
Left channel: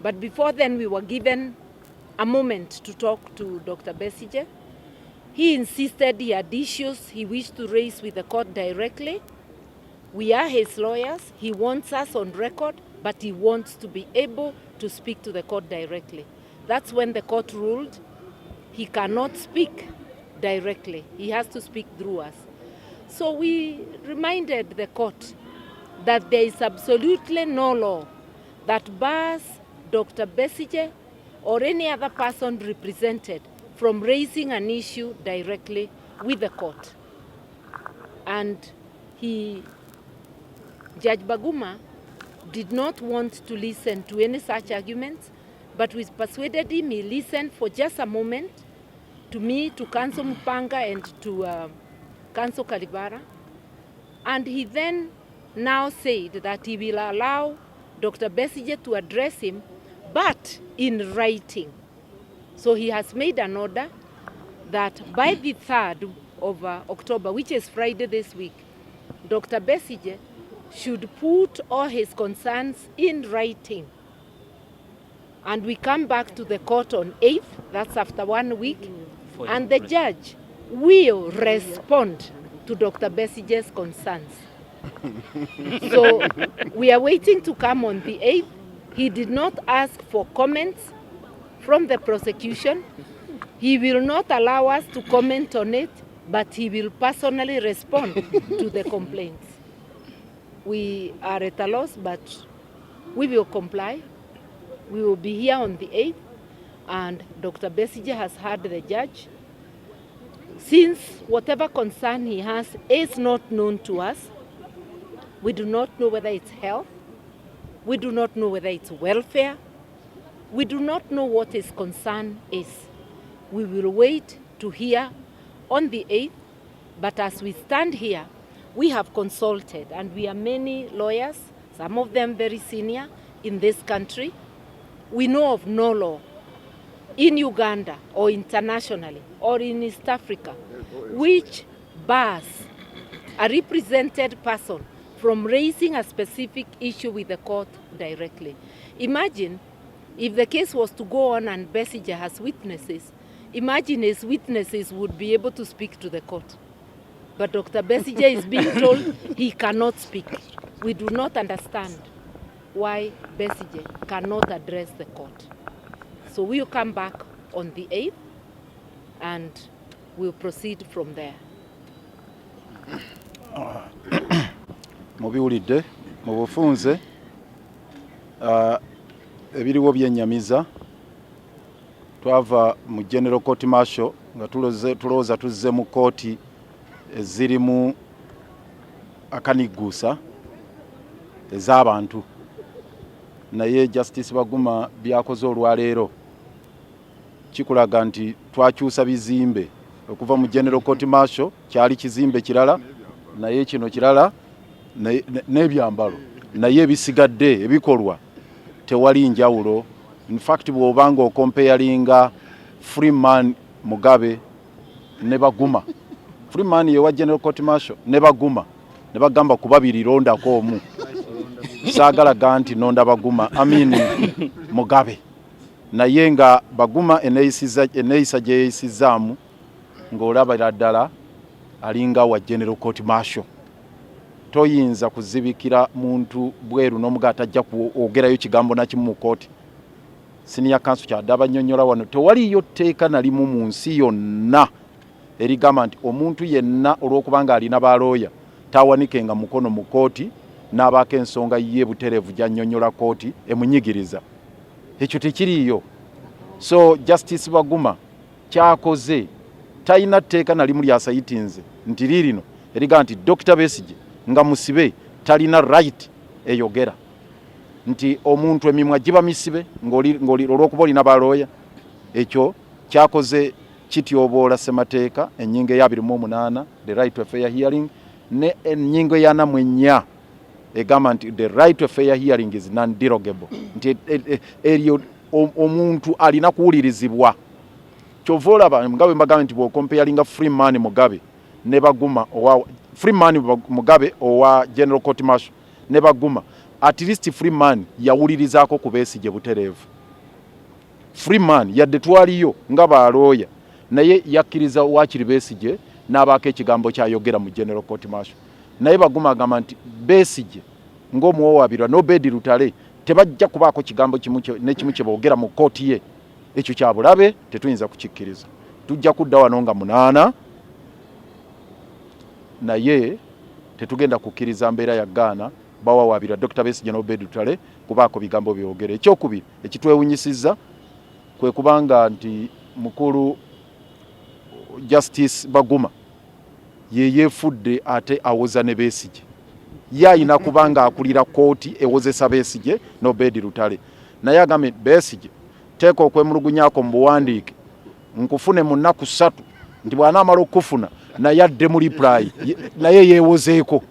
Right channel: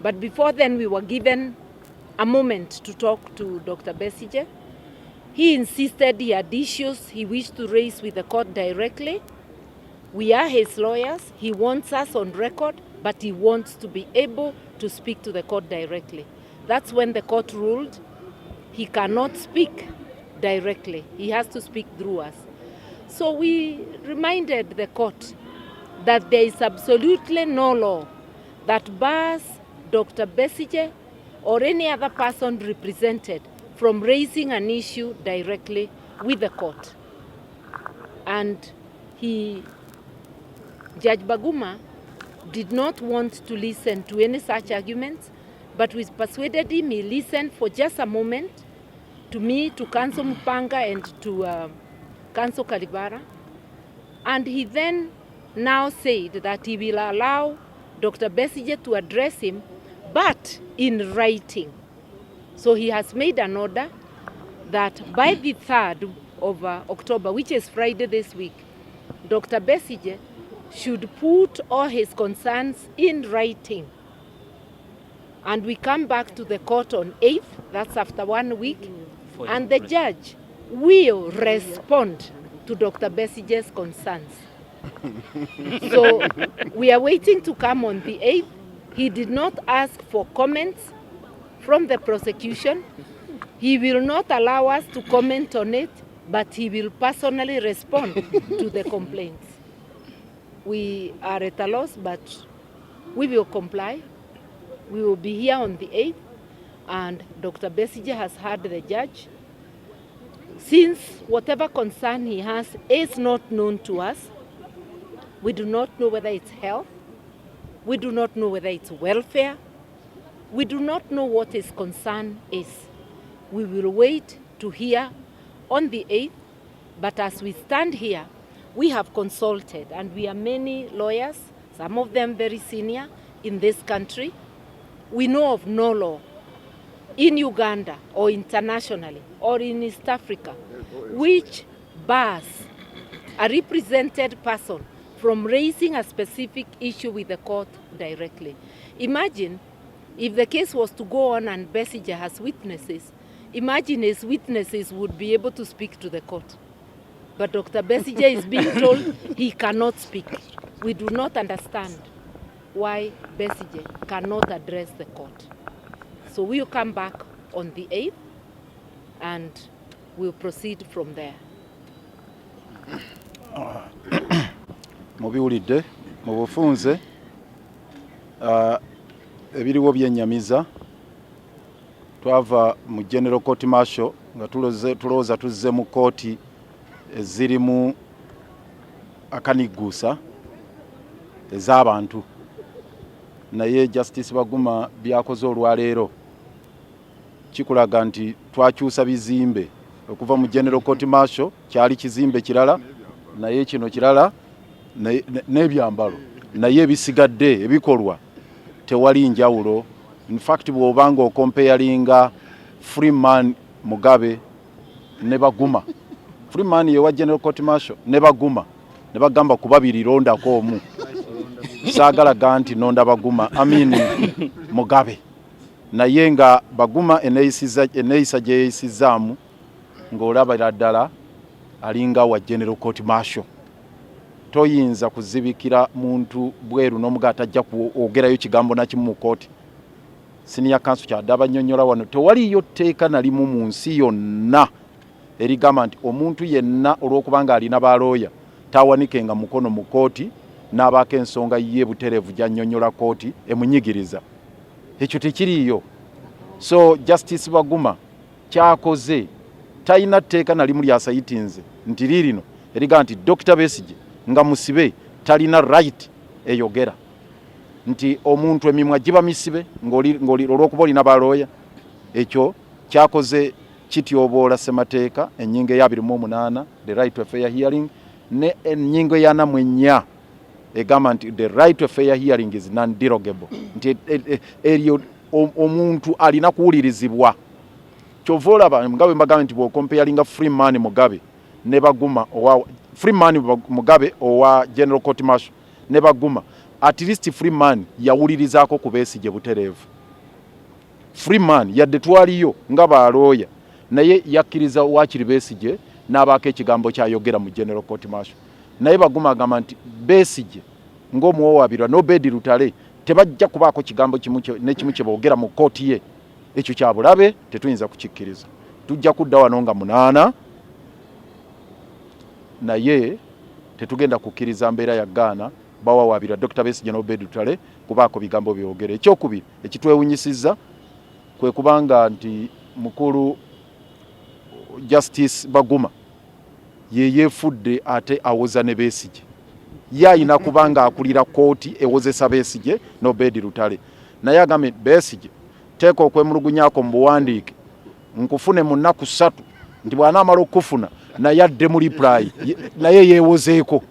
But before then, we were given a moment to talk to Dr. Besigye. He insisted he had issues he wished to raise with the court directly. We are his lawyers. He wants us on record, but he wants to be able to speak to the court directly. That's when the court ruled he cannot speak directly. He has to speak through us. So we reminded the court that there is absolutely no law that bars Dr. Besigye or any other person represented from raising an issue directly with the court. And Judge Baguma did not want to listen to any such arguments, but we persuaded him. He listened for just a moment to me, to Counsel Mupanga, and to Counsel Kalibara. And he then now said that he will allow Dr. Besigye to address him, but in writing. So he has made an order that by the 3rd of October, which is Friday this week, Dr. Besigye should put all his concerns in writing. And we come back to the court on 8th, that's after 1 week, and the judge will respond to Dr. Besigye's concerns. So we are waiting to come on the 8th. He did not ask for comments from the prosecution. He will not allow us to comment on it, but he will personally respond to the complaints. We are at a loss, but we will comply. We will be here on the 8th, and Dr. Besigye has heard the judge. Since whatever concern he has is not known to us, we do not know whether it's health, we do not know whether it's welfare, we do not know what his concern is. We will wait to hear on the 8th, but as we stand here, we have consulted, and we are many lawyers, some of them very senior in this country. We know of no law in Uganda or internationally or in East Africa which bars a represented person from raising a specific issue with the court directly. Imagine if the case was to go on and Besigye has witnesses, imagine his witnesses would be able to speak to the court. But Dr. Besigye is being told he cannot speak. We do not understand why Besigye cannot address the court. So we'll come back on the 8th and we'll proceed from there. Mubiwulidde mu bufunze ebiriwo byennyamiza twava mu General Court Martial nga tulowooza tuzze mu kooti ezirimu akanigguusa ez'abantu, naye Justice Baguma byakoze olwaleero kikulaga nti twakyusa bizimbe okuva mu General Court Martial kyali kizimbe kirala, naye kino kirala n'ebyambalo, naye ebisigadde ebikolwa tewali njawulo. In fact bw'obanga okomparinga Freeman Mugabe ne Baguma, Freeman yewa General Court Martial ne Baguma ne bagamba ku babiri londako omu, saagala ganti nonda Baguma Mugabe naye nga Baguma eneeyisa gye yeeyisizaamu ng'olabira ddala alinga wa General Court Marshal. Toyinza kuzibikira muntu bweru n'omuga atajja kwogerayo kigambo na kimu mu kooti. Senior Counsel kyadaba nnyonnyola wano tewaliyo tteeka na limu mu nsi yonna erigamba nti omuntu yenna olw'okubanga alina balooya tawanikenga mukono mu kooti n'abaako ensonga ye butereevu gy'annyonnyola kooti emunyigiriza. Ekyo tekiriiyo. So Justice Baguma kyakoze talina tteeka na limu lyasayitinze nti liirino erigamba nti Dr. Besigye nga musibe talina right eyogera nti omuntu emimwa giba misibe ng'oli olw'okuba olina balooya. Ekyo kyakoze kityoboola ssemateeka ennyingo eya 28 the right to a fair hearing ne ennyingo eya 44 egamba nti the right to a fair hearing is non-derogable nti eryo omuntu alina kuwulirizibwa. Kyova olaba nga bwe mbagamba nti bw'okompeyalinga Freeman Mugabe ne Baguma owa Freeman Mugabe owa General Court Marshal ne Baguma, at least Freeman yawulirizaako ku Besigye butereevu. Freeman yadde twaliyo nga balooya naye yakkiriza waakiri Besigye n'abaako ekigambo kyayogera mu General Court Marshal. Naye Baguma agamba nti Besigye ng'omuwowaabirwa n'Obedi Lutale tebajja kubaako kigambo kimu n'ekimu kye boogera mu kooti ye. Ekyo kya bulabe tetuyinza kukikkiriza. Tujja kudda wano nga 8 naye tetugenda kukkiriza mbeera ya Ghana bawawaabira Dr. Besigye n'Obedi Lutale kubaako bigambo byogere. Ekyokubiri ekitwewunyisizza kwe kubanga nti mukulu Justice Baguma ye yeefudde ate awoza ne Besigye. Ye ayina kubanga akulira kooti ewozesa Besigye n'Obedi Lutale. Naye agambye Besigye teeka okwemulugunyako mu buwandiike nkufune mu nnaku 3 nti bw'anaamala okufuna naye adde mu reply naye yeewozeeko.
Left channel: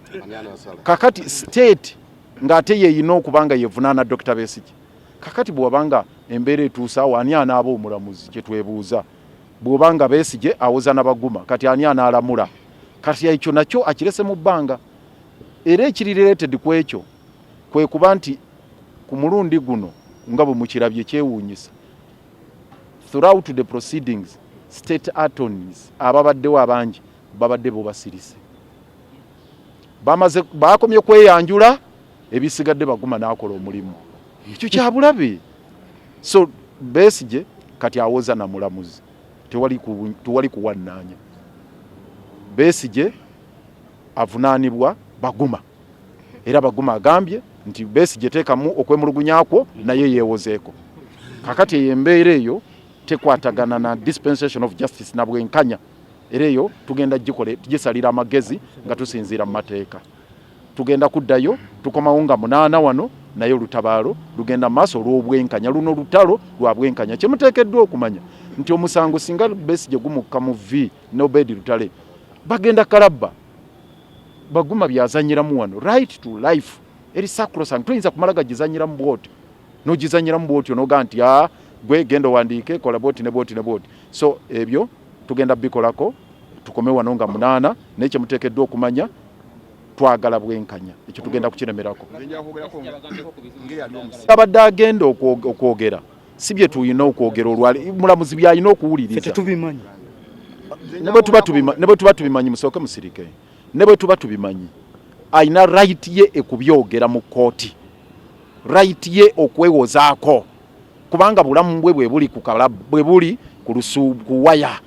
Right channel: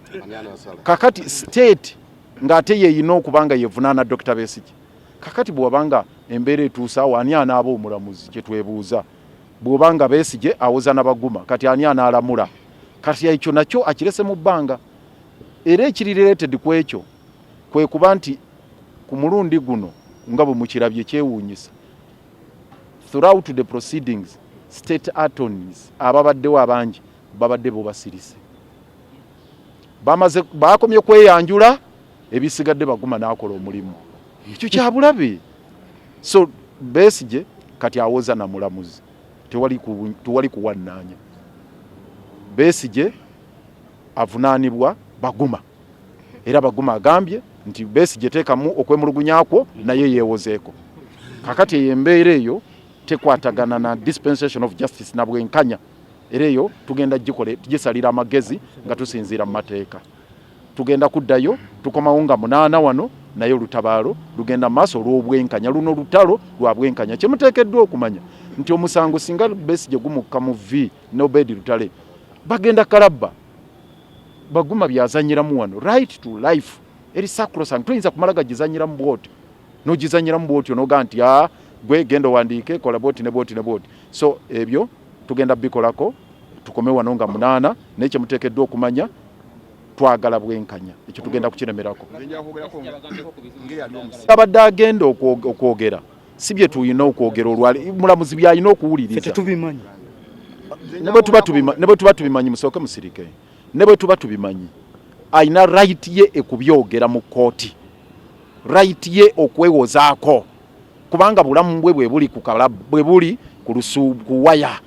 Kakati state ng'ate yeeyina okubanga yeevunaana Dr. Besigye. Kakati bw'obanga embeera etuusa awo ani anaaba omulamuzi kye twebuuza. Bw'obanga Besigye awoza na Baguma kati ani anaalamula. Kati ekyo nakyo akirese mu bbanga. Era ekiri related ku ekyo kwe kuba nti ku mulundi guno nga bwe mukirabye kyewuunyisa. Throughout the proceedings state attorneys ababaddewo abangi babadde bo basirise. Bakomye kweyanjula ebisigadde Baguma n'akola omulimu. Ekyo kya bulabe. So Besigye kati awoza na mulamuzi. Tewali kuwannaanya. Besigye avunaanibwa Baguma. Era Baguma agambye nti Besigye teekamu okwemulugunyako naye yeewozeeko. Kakati ey'embeera eyo tekwatagana na dispensation of justice na bwenkanya. Era eyo tugenda tugisalira amagezi nga tusinziira mu mateeka. Tugenda kuddayo tukomawo nga 8 wano naye olutabaalo lugenda maaso olw'obwenkanya. Luno lutalo lwa bwenkanya. Kye muteekeddwa okumanya nti omusango singa Besigye gumukka mu V n'Obedi Lutale bagenda kalabba. Baguma byazanyiramu wano right to life eri sacrosanct. Tuyinza kumala gagizanyira mu bwoti n'ogizanyira mu bwoti onoga nti gwe genda wandiike kola bwoti ne bwoti ne bwoti. So ebyo tugenda bikolako tukome wano nga 8 naye kye muteekeddwa okumanya twagala bwenkanya. Ekyo tugenda kukiremerako. Abadde agenda okwogera si bye tuyina okwogera olwali mulamuzi byalina okuwuliriza. Ne bwe tuba tubimanyi musooke musirike. Ne bwe tuba tubimanyi ayina right ye ekubyogera mu kooti. Right ye okwewozaako kubanga bulamu bwe buli ku kalabu bwe buli ku lusuubuwaya.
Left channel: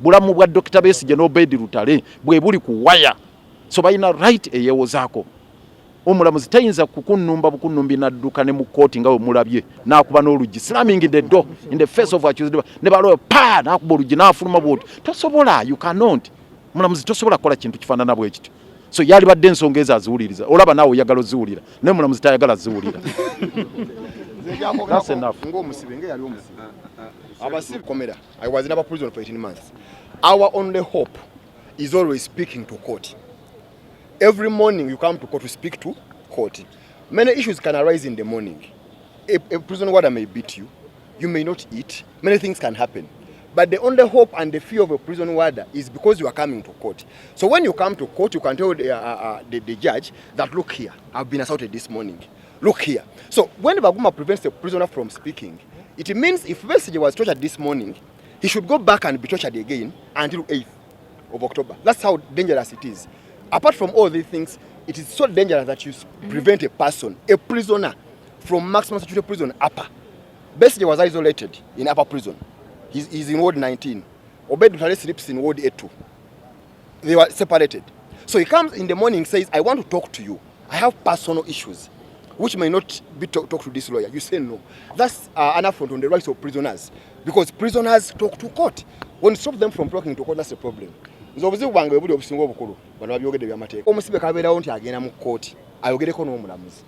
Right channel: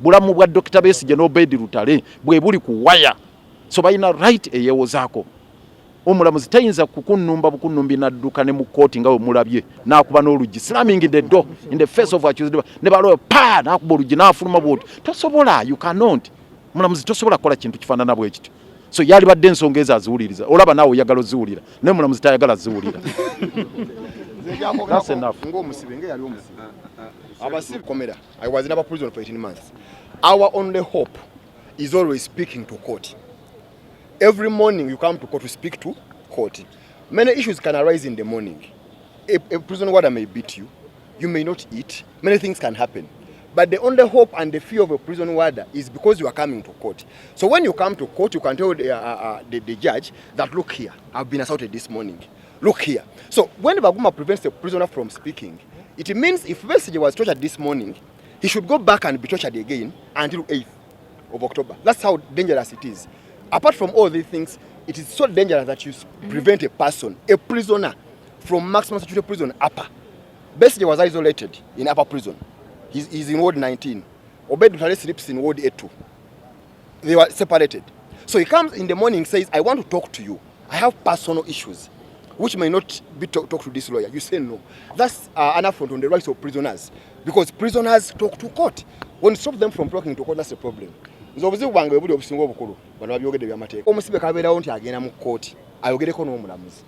Bulamu bwa Dr. Besigye n'Obedi Lutale bwe buli ku waya. So bayina right eyewozaako. Omulamuzi tayinza kukunnumba bukunnumbi nadduka ne mu kooti nga bwe mulabye n'akuba n'oluggi slamming the door in the face of accused ne baloyo pa n'akuba oluggi n'afuluma bwoti. Tosobola, you cannot. Mulamuzi tosobola kukola kintu kifaanana bwe kityo. So yali badde ensonga ezo aziwuliriza. Olaba naawe oyagala oziwulira naye mulamuzi tayagala ziwulira. That's enough. I was never prison for 18 months. Our only hope is always speaking to court. Every morning you come to court to speak to court. Many issues can arise in the morning. A prison warder may beat you. You may not eat. Many things can happen. But the only hope and the fear of a prison warder is because you are coming to court. So when you come to court, you can tell the judge that, look here, I've been assaulted this morning. Look here. So when Baguma prevents the prisoner from speaking, It means if Besigye was tortured this morning, he should go back and be tortured again until 8th of October. That's how dangerous it is. Apart from all these things, it is so dangerous that you prevent a person, a prisoner, from maximum security prison upper. Besigye was isolated in upper prison. He's in Ward 19. Obed Mutale sleeps in Ward 82. They were separated. So he comes in the morning and says, I want to talk to you. I have personal issues, which may not be talk to this lawyer. You say no. That's an affront on the rights of prisoners. Because prisoners talk to court. When you stop them from talking to court, that's a problem. Omusibe kabeerawo nti agenda mu kkooti ayogereko n'omulamuzi.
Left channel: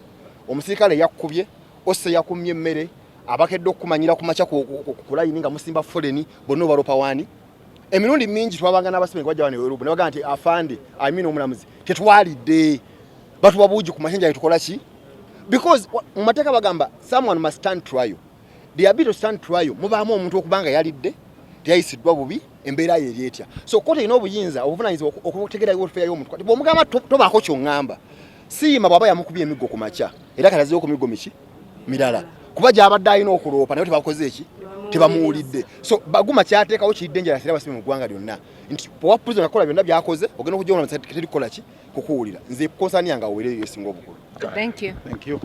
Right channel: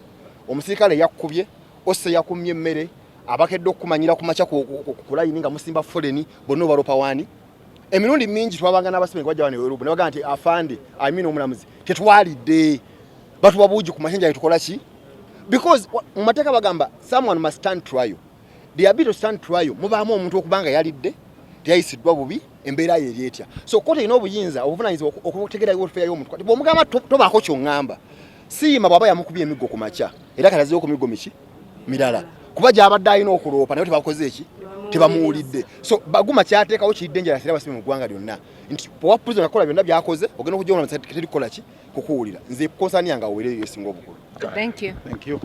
Omusirikale yakkubye, osse yakumye emmere, abakedde okumanyira ku makya ku layini nga musimba foleni bonna obalopa waani. Emirundi mingi twabanga n'abasibe nga bajja wano Europa ne bagamba nti afande omulamuzi tetwalidde batuwa buugi ku mashenja tukola ki? Because mu mateeka bagamba someone must stand trial. The ability to stand trial mubaamu omuntu okubanga yalidde teyayisiddwa bubi embeera ye eryetya. So kote ina obuyinza obuvunaanyizibwa okutegeera welfare y'omuntu. Bw'omugamba tobaako ky'oŋŋamba siima bw'aba yamukubye emiggo ku makya era kalazeewo ku miggo miki mirala kuba gy'abadde alina okuloopa naye tebakoze eki tebamuwulidde. So baguma kyateekawo kiri dangerous era basibe mu ggwanga lyonna nti bw'owa prison akola byonna by'akoze ogenda okujja omulamuzi terikola ki kukuwulira. Nze konsaani yange aweereyo esinga obukulu. Thank you. Thank you.